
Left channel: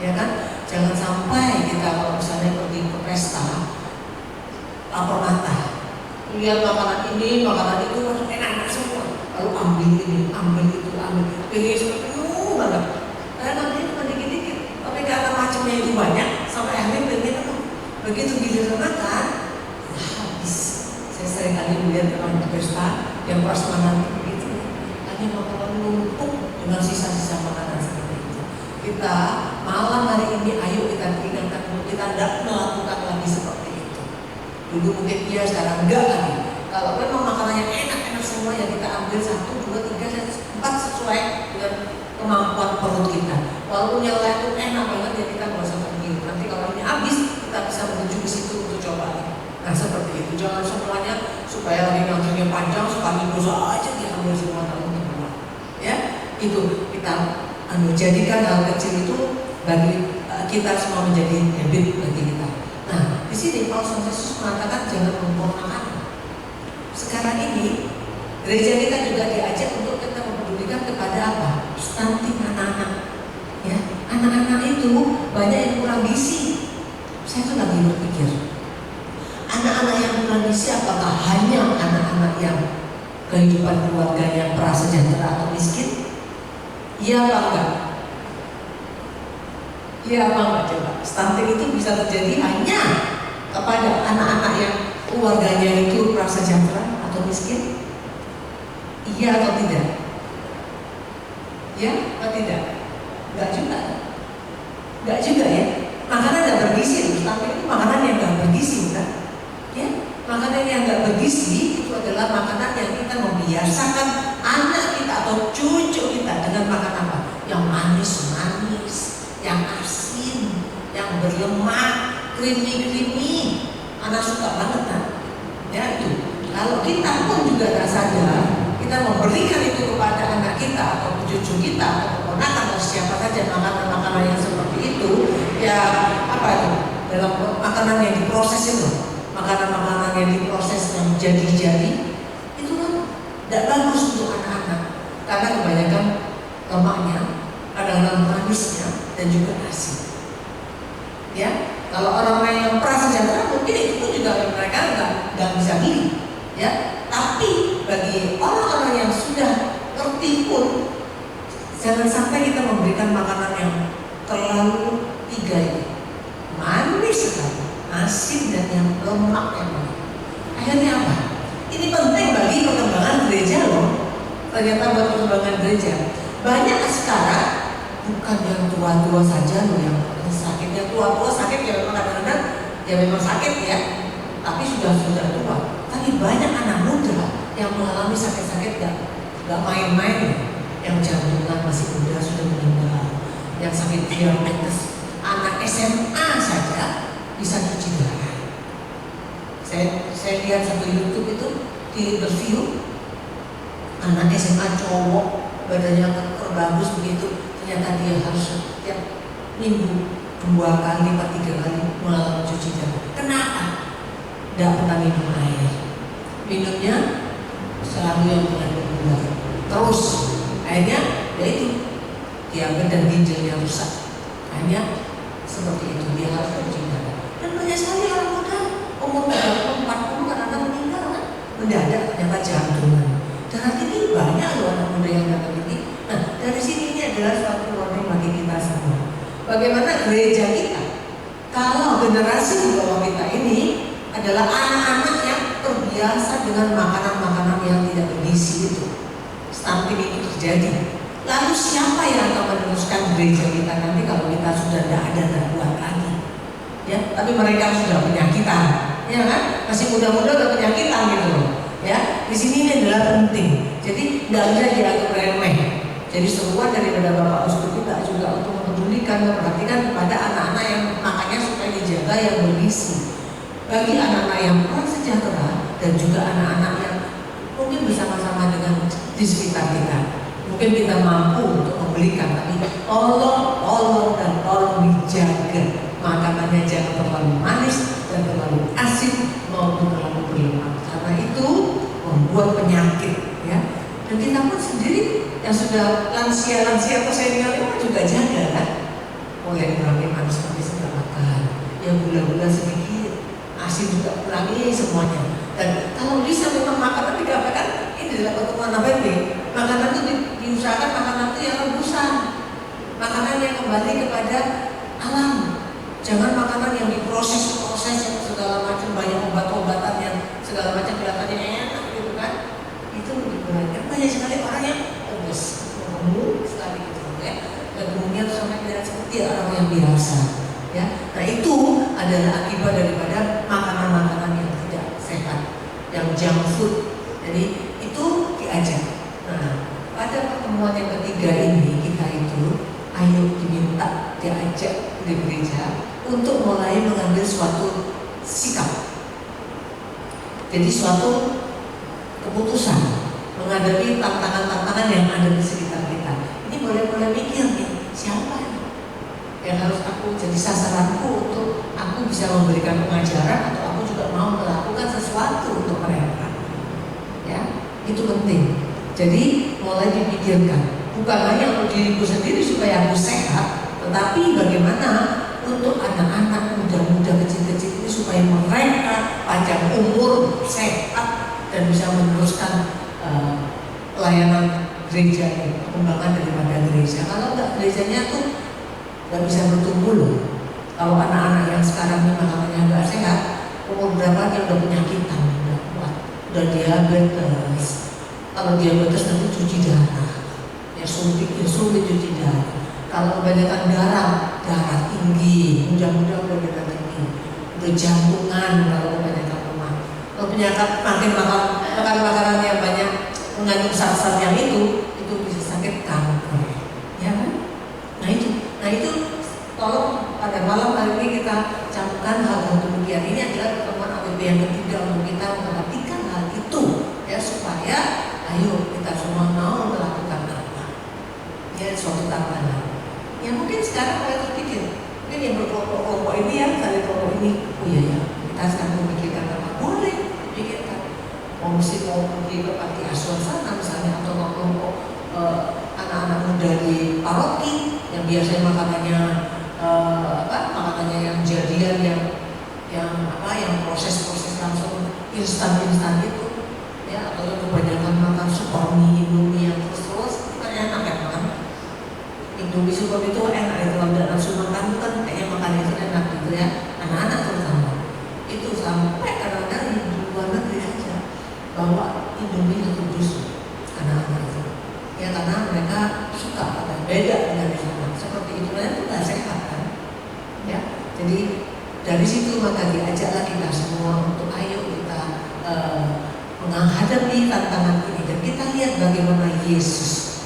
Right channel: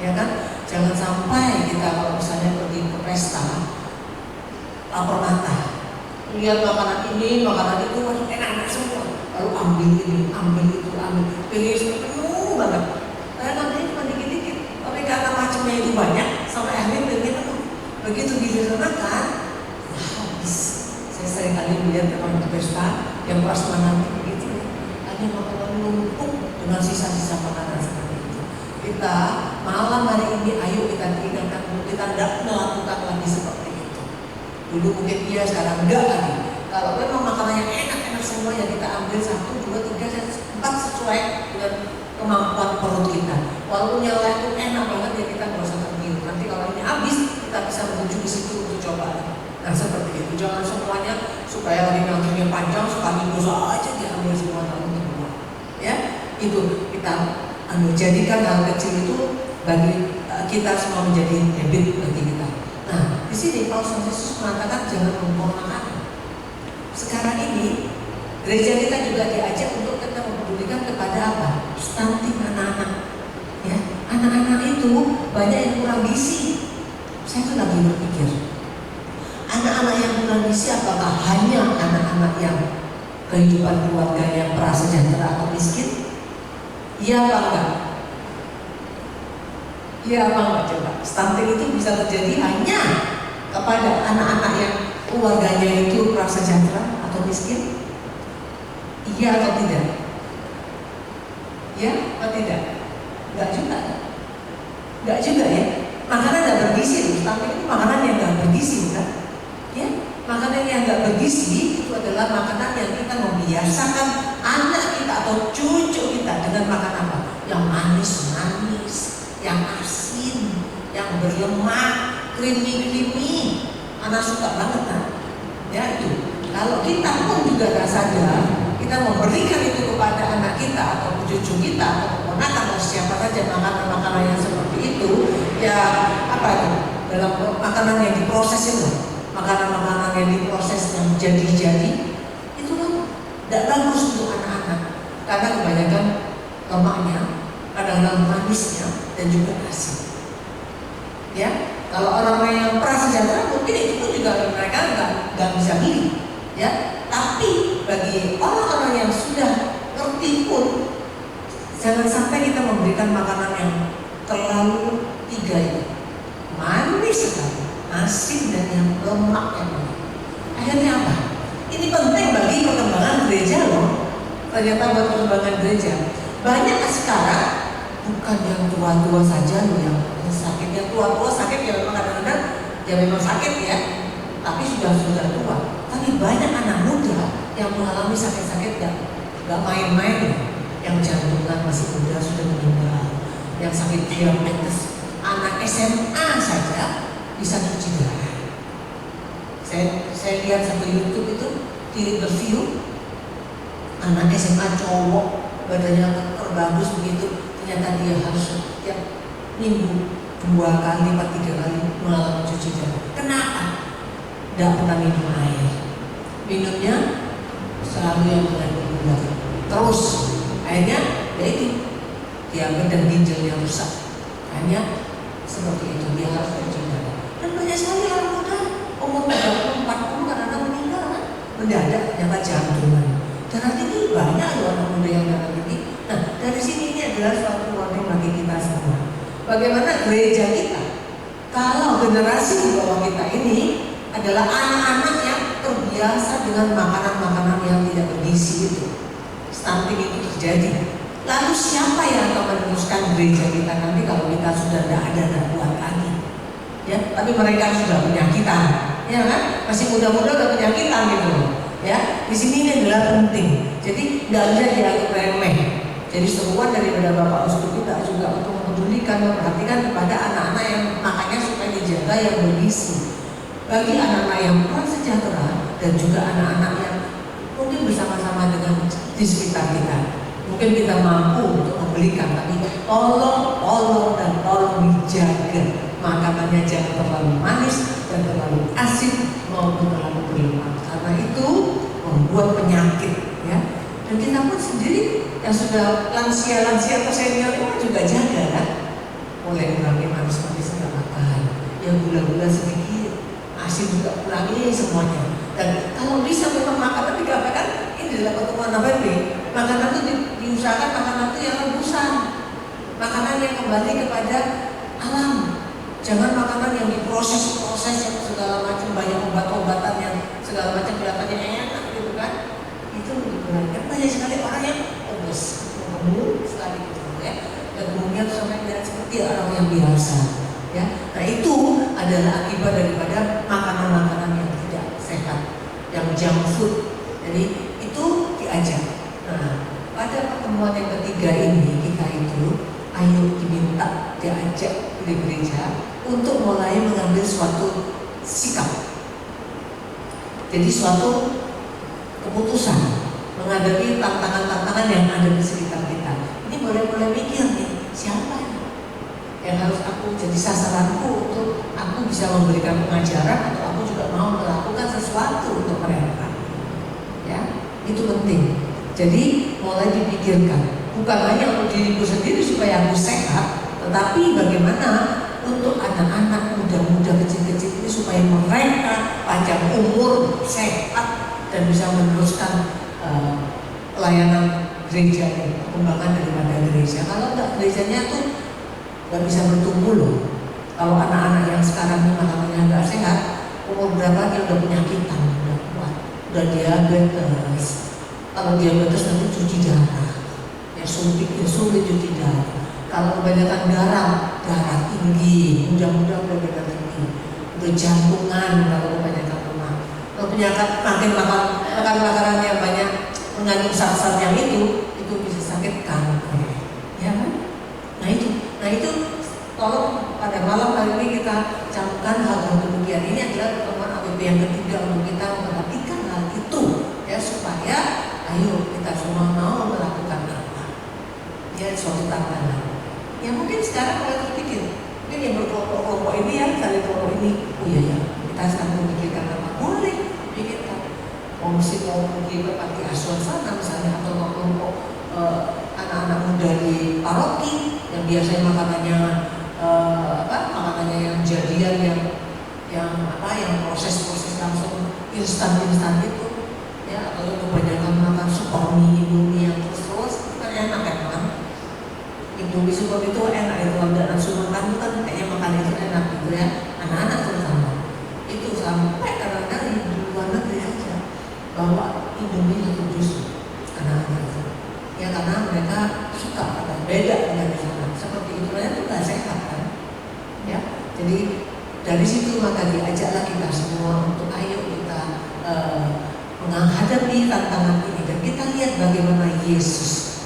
ya kan? Jangan sampai kita kalau misalnya pergi ke pesta lapar mata, lihat makanan ini, makanan itu, enak-enak semua, lalu ambil ini, ambil itu, ambil, pilih semua penuh banget. Karena nanti cuma dikit-dikit, tapi karena macamnya itu banyak, sampai akhirnya pengen begitu giliran makan, habis. Saya sering kali melihat orang di pesta yang pas makan begitu, hanya makanan numpuk dengan sisa-sisa makanan seperti itu. Kita malam hari ini, ayo kita ingatkan, kita tidak melakukan lagi seperti itu. Dulu mungkin iya, sekarang enggak lagi. Kalau memang makanannya enak-enak semua, ya kita ambil 1, 2, 3, 4 sesuai dengan kemampuan perut kita. Walaupun yang lain itu enak banget, ya kita nggak usah pergi. Nanti kalau ini habis, kita bisa menuju ke situ untuk coba. Nah seperti itu, jangan semuanya supaya lagi ngantrinya panjang, sekali dosa aja diambil semua tahun kedua. Ya, itu kita jadikan hal kecil itu bagi kita semua menjadi habit bagi kita. Nah, di sini Paulus Yesus mengatakan jangan memponakan. Sekarang ini gereja kita juga diajak untuk kita mempedulikan kepada apa? Stunting anak-anak. Ya, anak-anak itu banyak yang kurang gizi. Saya tuh lagi berpikir, anak-anak yang kurang gizi apakah hanya anak-anak yang kehidupan keluarga yang prasejahtera atau miskin? Iya apa enggak? Iya apa enggak coba? Stunting itu bisa terjadi hanya kepada anak-anak yang keluarganya itu prasejahtera atau miskin? Iya atau tidak? Ya atau tidak? Enggak juga. Enggak juga ya. Makanan enggak bergizi. Stunting itu makanan yang enggak bergizi, bukan? Ya, makanan yang enggak bergizi itu adalah makanan yang kita membiasakan anak kita atau cucu kita dengan makan apa? Yang manis-manis, yang asin, yang berlemak, creamy. Anak suka banget kan? Ya itu. Kalau kita pun juga nggak sadar, kita memberikan itu kepada anak kita atau cucu kita atau keponakan atau siapa saja makanan-makanan yang seperti itu, ya apa itu? Dalam makanan yang diproses itu, makanan-makanan yang diproses yang jadi-jadi, itu kan tidak bagus untuk anak-anak karena kebanyakan lemaknya, kadang-kadang manisnya dan juga asin. Ya, kalau orang-orang yang prasejahtera mungkin itu pun juga mereka nggak bisa beli. Ya, tapi bagi orang-orang yang sudah ngerti pun, jangan sampai kita memberikan makanan yang terlalu 3 ini, manis sekali, asin dan yang lemak yang banyak. Akhirnya apa? Ini penting bagi perkembangan gereja loh. Ternyata buat perkembangan gereja banyak sekarang bukan yang tua-tua saja loh yang sakit. Yang tua-tua sakit ya memang kadang-kadang ya memang sakit ya, tapi sudah tua. Tapi banyak anak muda yang mengalami sakit-sakit gak main-main. Yang jantungan masih muda sudah meninggal, yang sakit diabetes, anak SMA saja bisa cuci darah. Saya lihat satu YouTube itu di interview anak SMA cowok badannya bagus begitu, ternyata dia harus setiap minggu 2 kali atau 3 kali mengalami cuci darah. Kenapa? Tidak pernah minum air, minumnya selalu yang mengandung gula. Terus akhirnya ya itu diabetes dan ginjalnya rusak. Hanya seperti itu dia harus cuci darah. Dan banyak sekali orang muda umur 30, 40 kadang-kadang meninggal kan? Mendadak ternyata jantungan. Darah tinggi banyak loh anak muda yang darah tinggi. Nah dari sini ini adalah suatu warning bagi kita semua. Bagaimana gereja kita kalau generasi di bawah kita ini adalah anak-anak yang terbiasa dengan makanan-makanan yang tidak bergizi itu. Stunting itu terjadi. Lalu siapa yang akan meneruskan gereja kita nanti kalau kita sudah tidak ada dan kuat lagi? Ya, tapi mereka sudah penyakitan, ya kan? Masih muda-muda udah penyakitan gitu loh. Ya, di sini ini adalah penting. Jadi tidak bisa dianggap remeh. Jadi seruan daripada Bapak Uskup kita juga untuk mempedulikan, memperhatikan kepada anak-anak yang makanya supaya dijaga yang bergizi. Bagi anak-anak yang kurang sejahtera dan juga anak-anak yang mungkin bersama-sama dengan di sekitar kita, mungkin kita mampu untuk membelikan, tapi tolong dijaga makanannya, jangan terlalu manis dan terlalu asin maupun terlalu berlemak, karena itu membuat penyakit ya. Dan kita pun sendiri yang sudah lansia atau senior itu juga jaga kan. mulai kurangi manis manis nggak makan, yang gula-gula sedikit, asin juga kurangi semuanya. Dan kalau bisa memang makanan dikatakan ini dalam pertemuan apa ini, makanan itu diusahakan makanan itu yang rebusan, makanan yang kembali kepada alam. Jangan makanan yang diproses-proses yang segala macam, banyak obat-obatan yang segala macam kelihatannya enak gitu kan. Itu digunakan banyak sekali orang yang obes, gemuk sekali gitu ya. Dan kemudian sampai kelihatan seperti orang yang biasa ya. Nah itu adalah akibat daripada makanan-makanan yang tidak sehat, yang junk food. Jadi itu diajak. Nah pada pertemuan yang ketiga ini kita itu ayo diminta diajak di gereja untuk mulai mengambil suatu sikap. Jadi suatu keputusan menghadapi tantangan-tantangan yang ada di sekitar kita. Ini boleh-boleh mikir nih, siapa yang harus aku jadi sasaranku untuk aku bisa memberikan pengajaran atau aku juga mau melakukan sesuatu untuk mereka. Ya, itu penting. Jadi mulai dipikirkan, bukan hanya untuk diriku sendiri supaya aku sehat, tetapi bagaimana untuk anak-anak muda-muda kecil-kecil ini supaya mereka panjang umur, sehat dan bisa meneruskan pelayanan gereja, perkembangan daripada gereja. Kalau enggak, gerejanya tuh nggak bisa bertumbuh loh. Kalau anak-anak yang sekarang ini makanannya nggak sehat, umur berapa dia udah penyakitan, udah kuat, udah diabetes. Kalau diabetes nanti cuci darah, ya sulit cuci darah. Kalau kebanyakan darah tinggi, mudah-mudahan udah tinggi, udah jantungan kalau kebanyakan lemak. Kalau penyakit makin makan makanan yang banyak mengandung zat-zat yang itu bisa sakit kanker, ya kan? Nah itu tolong pada malam hari ini kita camkan hal-hal demikian. Ini adalah pertemuan AWP yang ketiga untuk kita memperhatikan hal itu, ya supaya ayo kita semua mau melakukan apa, ya suatu tantangan. Ya mungkin sekarang mulai terpikir, mungkin yang berkelompok-kelompok ini ya, cari kelompok ini, oh iya ya, kita sekarang memikirkan apa? Boleh pikirkan. Mau pergi ke panti asuhan sana misalnya, atau mau kelompok anak-anak muda di paroki yang biasanya makanannya makanannya yang jadian yang proses-proses langsung instan itu, ya, atau kebanyakan makan super mie, indomie yang terus kan enak ya kan? Indomie super itu enak ya, kalau tidak nafsu makan itu kan kayaknya makan itu enak gitu ya, anak-anak terutama itu sampai kadang-kadang di luar negeri aja bawa indomie satu dus anak-anak itu, ya karena mereka suka dan beda dengan di sana. Seperti itu itu nggak sehat kan, ya. Jadi dari situ maka diajaklah kita semua untuk ayo kita menghadapi tantangan ini dan kita lihat bagaimana Yesus.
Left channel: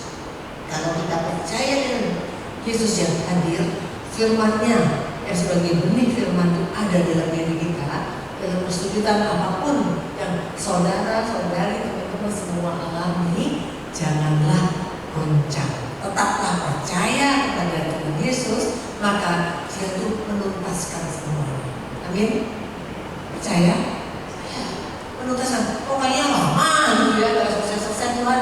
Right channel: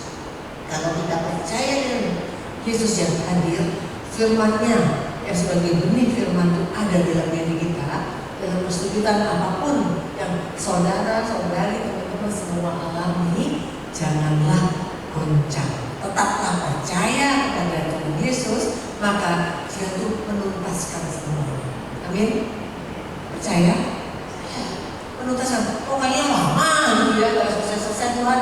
Kalau kita percaya dengan Yesus yang hadir, firman-Nya yang sebagai benih firman itu ada dalam diri kita, dalam kesulitan apapun yang saudara-saudari teman-teman semua alami, janganlah goncang. Tetaplah percaya kepada Tuhan Yesus, maka Dia itu menuntaskan semuanya. Amin. Percaya? Ya, menuntaskan. Pokoknya lama gitu ya, kalau selesai Tuhan.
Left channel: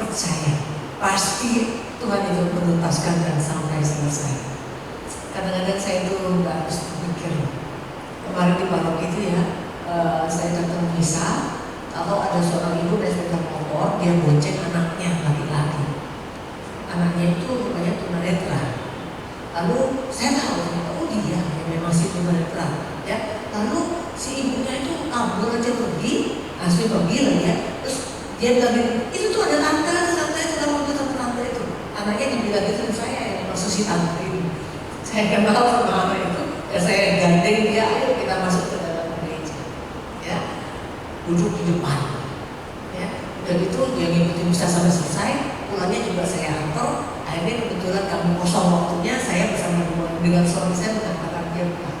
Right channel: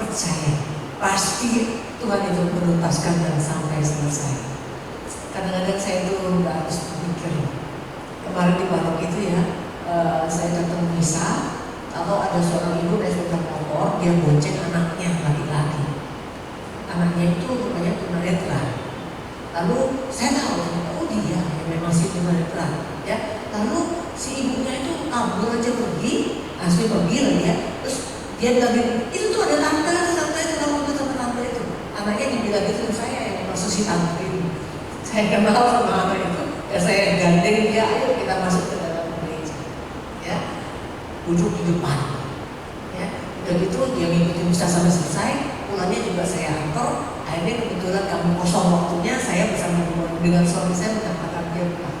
Percaya. Pasti Tuhan itu menuntaskan dan sampai selesai. Kadang-kadang saya itu nggak harus berpikir. Kemarin di paroki itu ya, saya datang misa, kalau ada seorang ibu dari sepeda motor, dia bonceng anaknya laki-laki. Anaknya itu rupanya tunanetra. Lalu saya tahu, oh dia yang memang si tunanetra, ya. Lalu si ibunya itu kabur aja pergi, langsung pergi lah ya. Terus dia bilang, itu tuh ada tante itu, kamu itu tante itu. Anaknya dibilang itu saya yang maksud si tante ini. Saya kenal sama anak itu, ya saya gandeng dia, ayo kita masuk ke dalam gereja, ya. Duduk di depan, ya. Dan itu dia ngikutin misa sampai selesai. Pulangnya juga saya antar. Akhirnya kebetulan kami kosong waktunya, saya bersama dengan suami saya mengatakan dia pulang.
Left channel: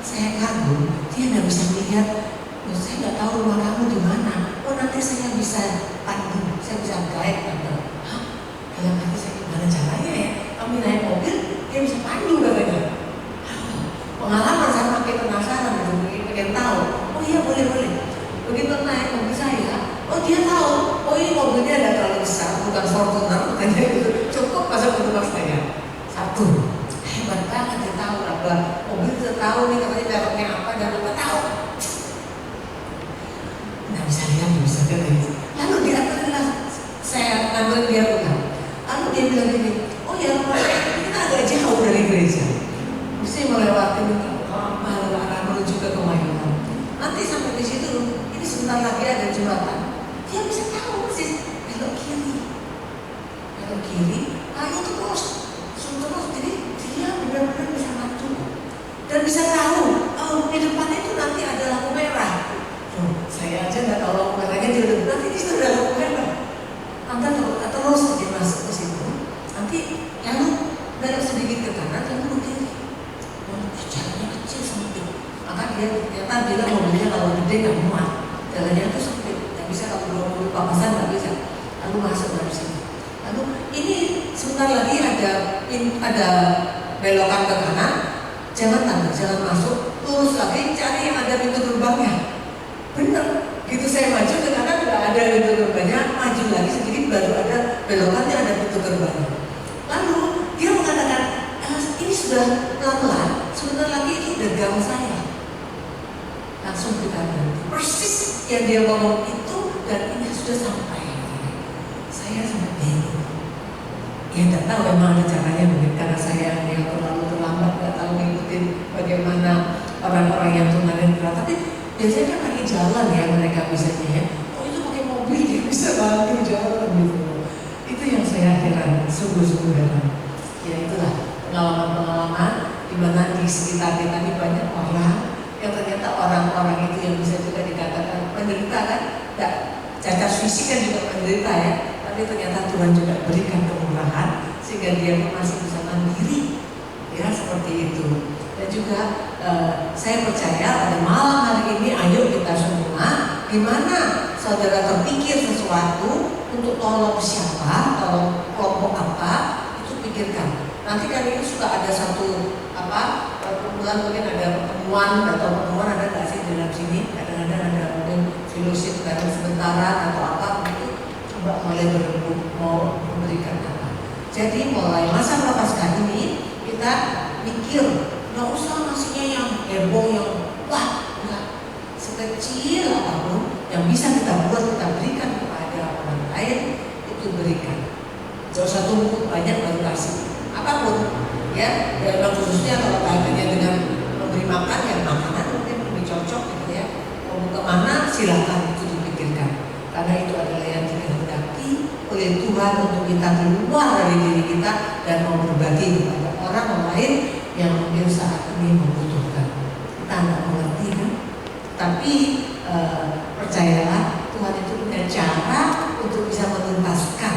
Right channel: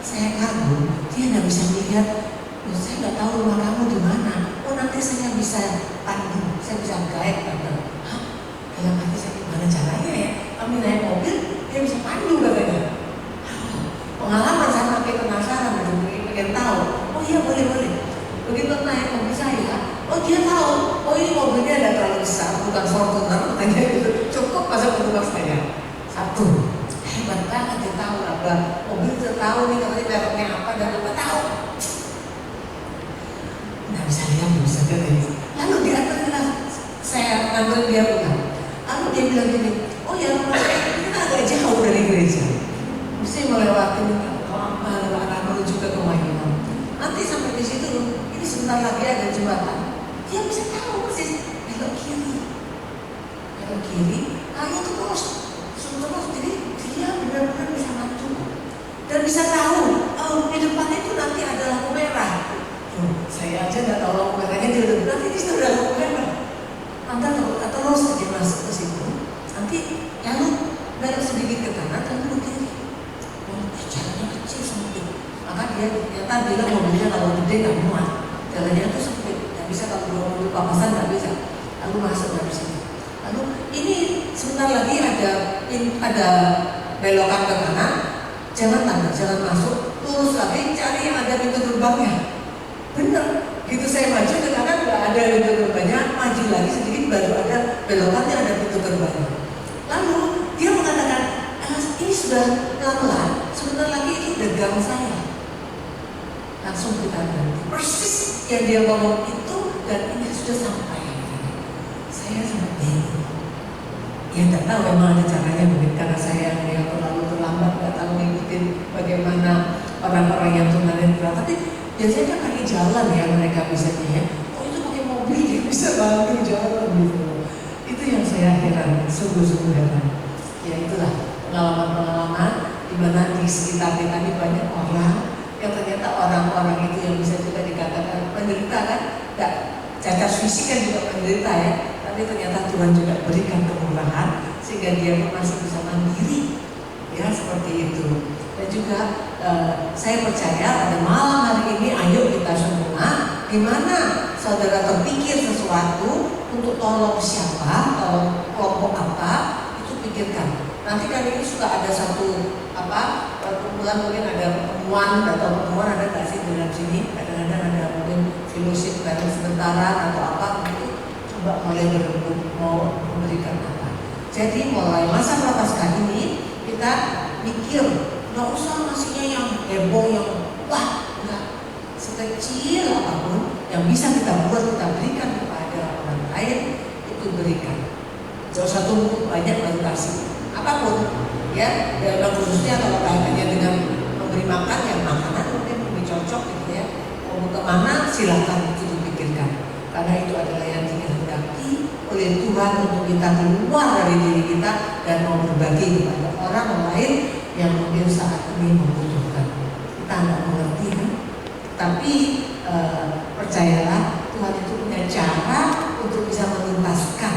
Saya kagum, dia nggak bisa melihat. Saya nggak tahu rumah kamu di mana. Oh nanti saya bisa pandu, saya bisa guide tante. Hah? Dalam hati saya gimana caranya ya? Kami naik mobil, dia bisa pandu katanya. Pengalaman saya makin penasaran, pengen tahu. Oh iya boleh. Begitu naik mobil saya, oh dia tahu. Oh ini mobilnya ada terlalu besar, bukan Fortuner, katanya gitu. Cukup masuk ke rumah saya. Satu, hebat banget dia tahu apa mobil, dia tahu nih katanya mereknya apa dan apa tahu. Nggak bisa lihat, bisa gitu. Lalu dia ternyata saya ngambil dia pulang. Lalu dia bilang gini, oh ya rumah saya kita agak jauh dari gereja, mesti melewati menuju ke Kemayoran. Nanti sampai di situ, ini sebentar lagi ada jembatan. Dia bisa tahu persis belok kiri, itu terus, jadi dia benar-benar bisa bantu dan bisa tahu, oh di depan itu nanti ada lampu merah. Saya aja nggak tahu lampu merahnya, dia udah nanti di situ ada lampu merah. Anda terus saja masuk ke situ, nanti lalu belok sedikit ke kanan lalu ke kiri. Jalannya kecil sempit, maka dia ternyata bilang mobilnya kalau gede nggak muat, jalannya itu sempit, nggak bisa kalau bawa mobil papasan nggak bisa. Lalu masuk dari sini. Lalu ini sebentar lagi ada belokan ke kanan, jangan masuk, lurus lagi cari yang ada pintu gerbangnya. Benar, gitu saya maju ke kanan nggak ada pintu gerbangnya, maju lagi sedikit baru ada belokan yang ada pintu gerbangnya. Lalu dia mengatakan, ini sudah pelan-pelan, sebentar lagi itu udah gang saya. Langsung kita berhenti. Persis yang dia ngomong itu dan ini sudah sampai. Saya sangat bingung. Ya nggak tahu memang ada caranya mungkin karena saya yang terlalu terlambat, nggak tahu ngikutin bagaimana orang-orang yang tunanetra. Tapi biasanya kan lagi jalan ya mereka bisanya ya. Oh itu pakai mobil dia bisa bantu jalan gitu. Itu yang saya heran, sungguh-sungguh heran. Ya itulah pengalaman-pengalaman di mana di sekitar kita ini banyak orang yang ternyata orang-orang itu yang bisa juga dikatakan menderita kan, nggak cacat fisik kan juga menderita ya. Tapi ternyata Tuhan juga berikan kemurahan sehingga dia masih bisa mandiri, ya seperti itu. Dan juga saya percaya pada malam hari ini, ayo kita semua, di mana saudara terpikir sesuatu untuk tolong siapa, tolong kelompok apa, itu pikirkan. Nanti kan ini suka ada satu kumpulan mungkin ada pertemuan atau pertemuan ada nggak sih dalam sini? Kadang-kadang ada mungkin fellowship bareng sementara atau apa gitu. Coba mulai berembuk mau memberikan apa. Jadi mulai masa prapaskah ini kita mikir nggak usah ngasihnya yang heboh yang wah enggak, sekecil apapun yang bisa kita buat kita berikan kepada orang lain itu berikan. Jangan usah tunggu banyak baru kasih apapun ya. Dan khususnya kalau kaitannya dengan memberi makan yang makanan mungkin lebih cocok gitu ya. Mau kemana silahkan itu dipikirkan karena itu adalah yang dikehendaki oleh Tuhan untuk kita keluar dari diri kita dan mau berbagi kepada orang lain yang mungkin saat ini membutuhkan. Kita nggak mengerti kan? Tapi percayalah Tuhan itu punya cara untuk bisa menuntaskan.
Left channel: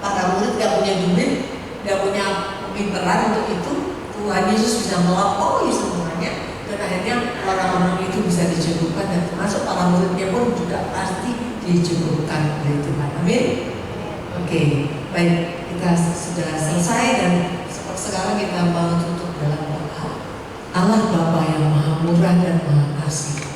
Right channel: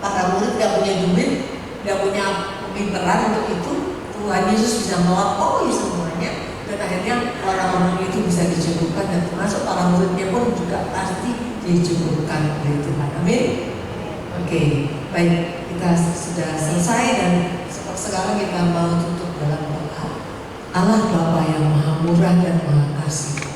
Para murid nggak punya duit, nggak punya pinteran untuk itu. Tuhan Yesus bisa melampaui semuanya dan akhirnya orang-orang itu bisa dicukupkan dan termasuk para muridnya pun juga pasti dicukupkan oleh Tuhan. Amin. Oke, baik, kita sudah selesai dan sekarang kita mau tutup dalam doa. Allah Bapa yang Maha Murah dan Maha Kasih,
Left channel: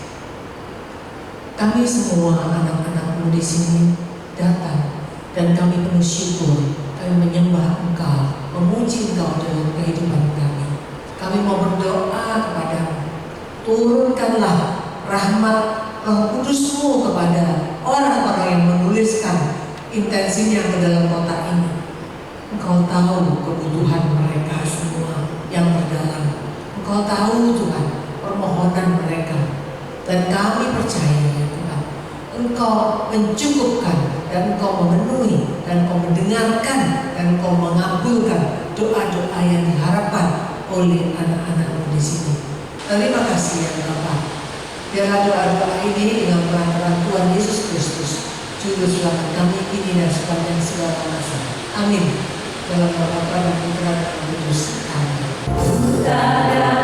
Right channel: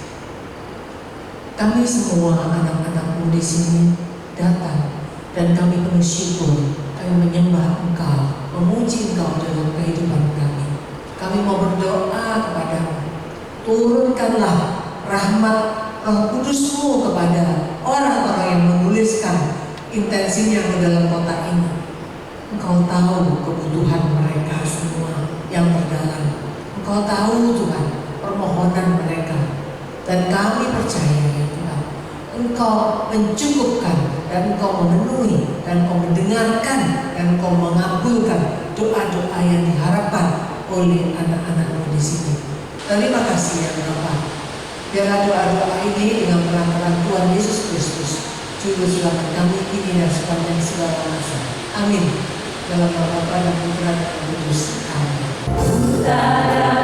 kami semua anak-anakmu di sini datang dan kami penuh syukur, kami menyembah Engkau, memuji Engkau dalam kehidupan kami. Kami mau berdoa kepadamu, turunkanlah rahmat Roh Kudus-Mu kepada orang-orang yang menuliskan intensinya ke dalam kotak ini. Engkau tahu kebutuhan mereka semua yang terdalam. Engkau tahu Tuhan permohonan mereka dan kami percaya ya Tuhan, Engkau mencukupkan dan Engkau memenuhi dan Engkau mendengarkan dan Engkau mengabulkan doa-doa yang diharapkan oleh anak-anak-Mu di sini. Terima kasih ya Bapa. Biarlah doa-doa ini dengan peran-peran Tuhan Yesus Kristus, Juru Selamat kami kini dan sepanjang segala masa. Amin. Dalam nama Bapa dan Putra dan Roh Kudus. Amin.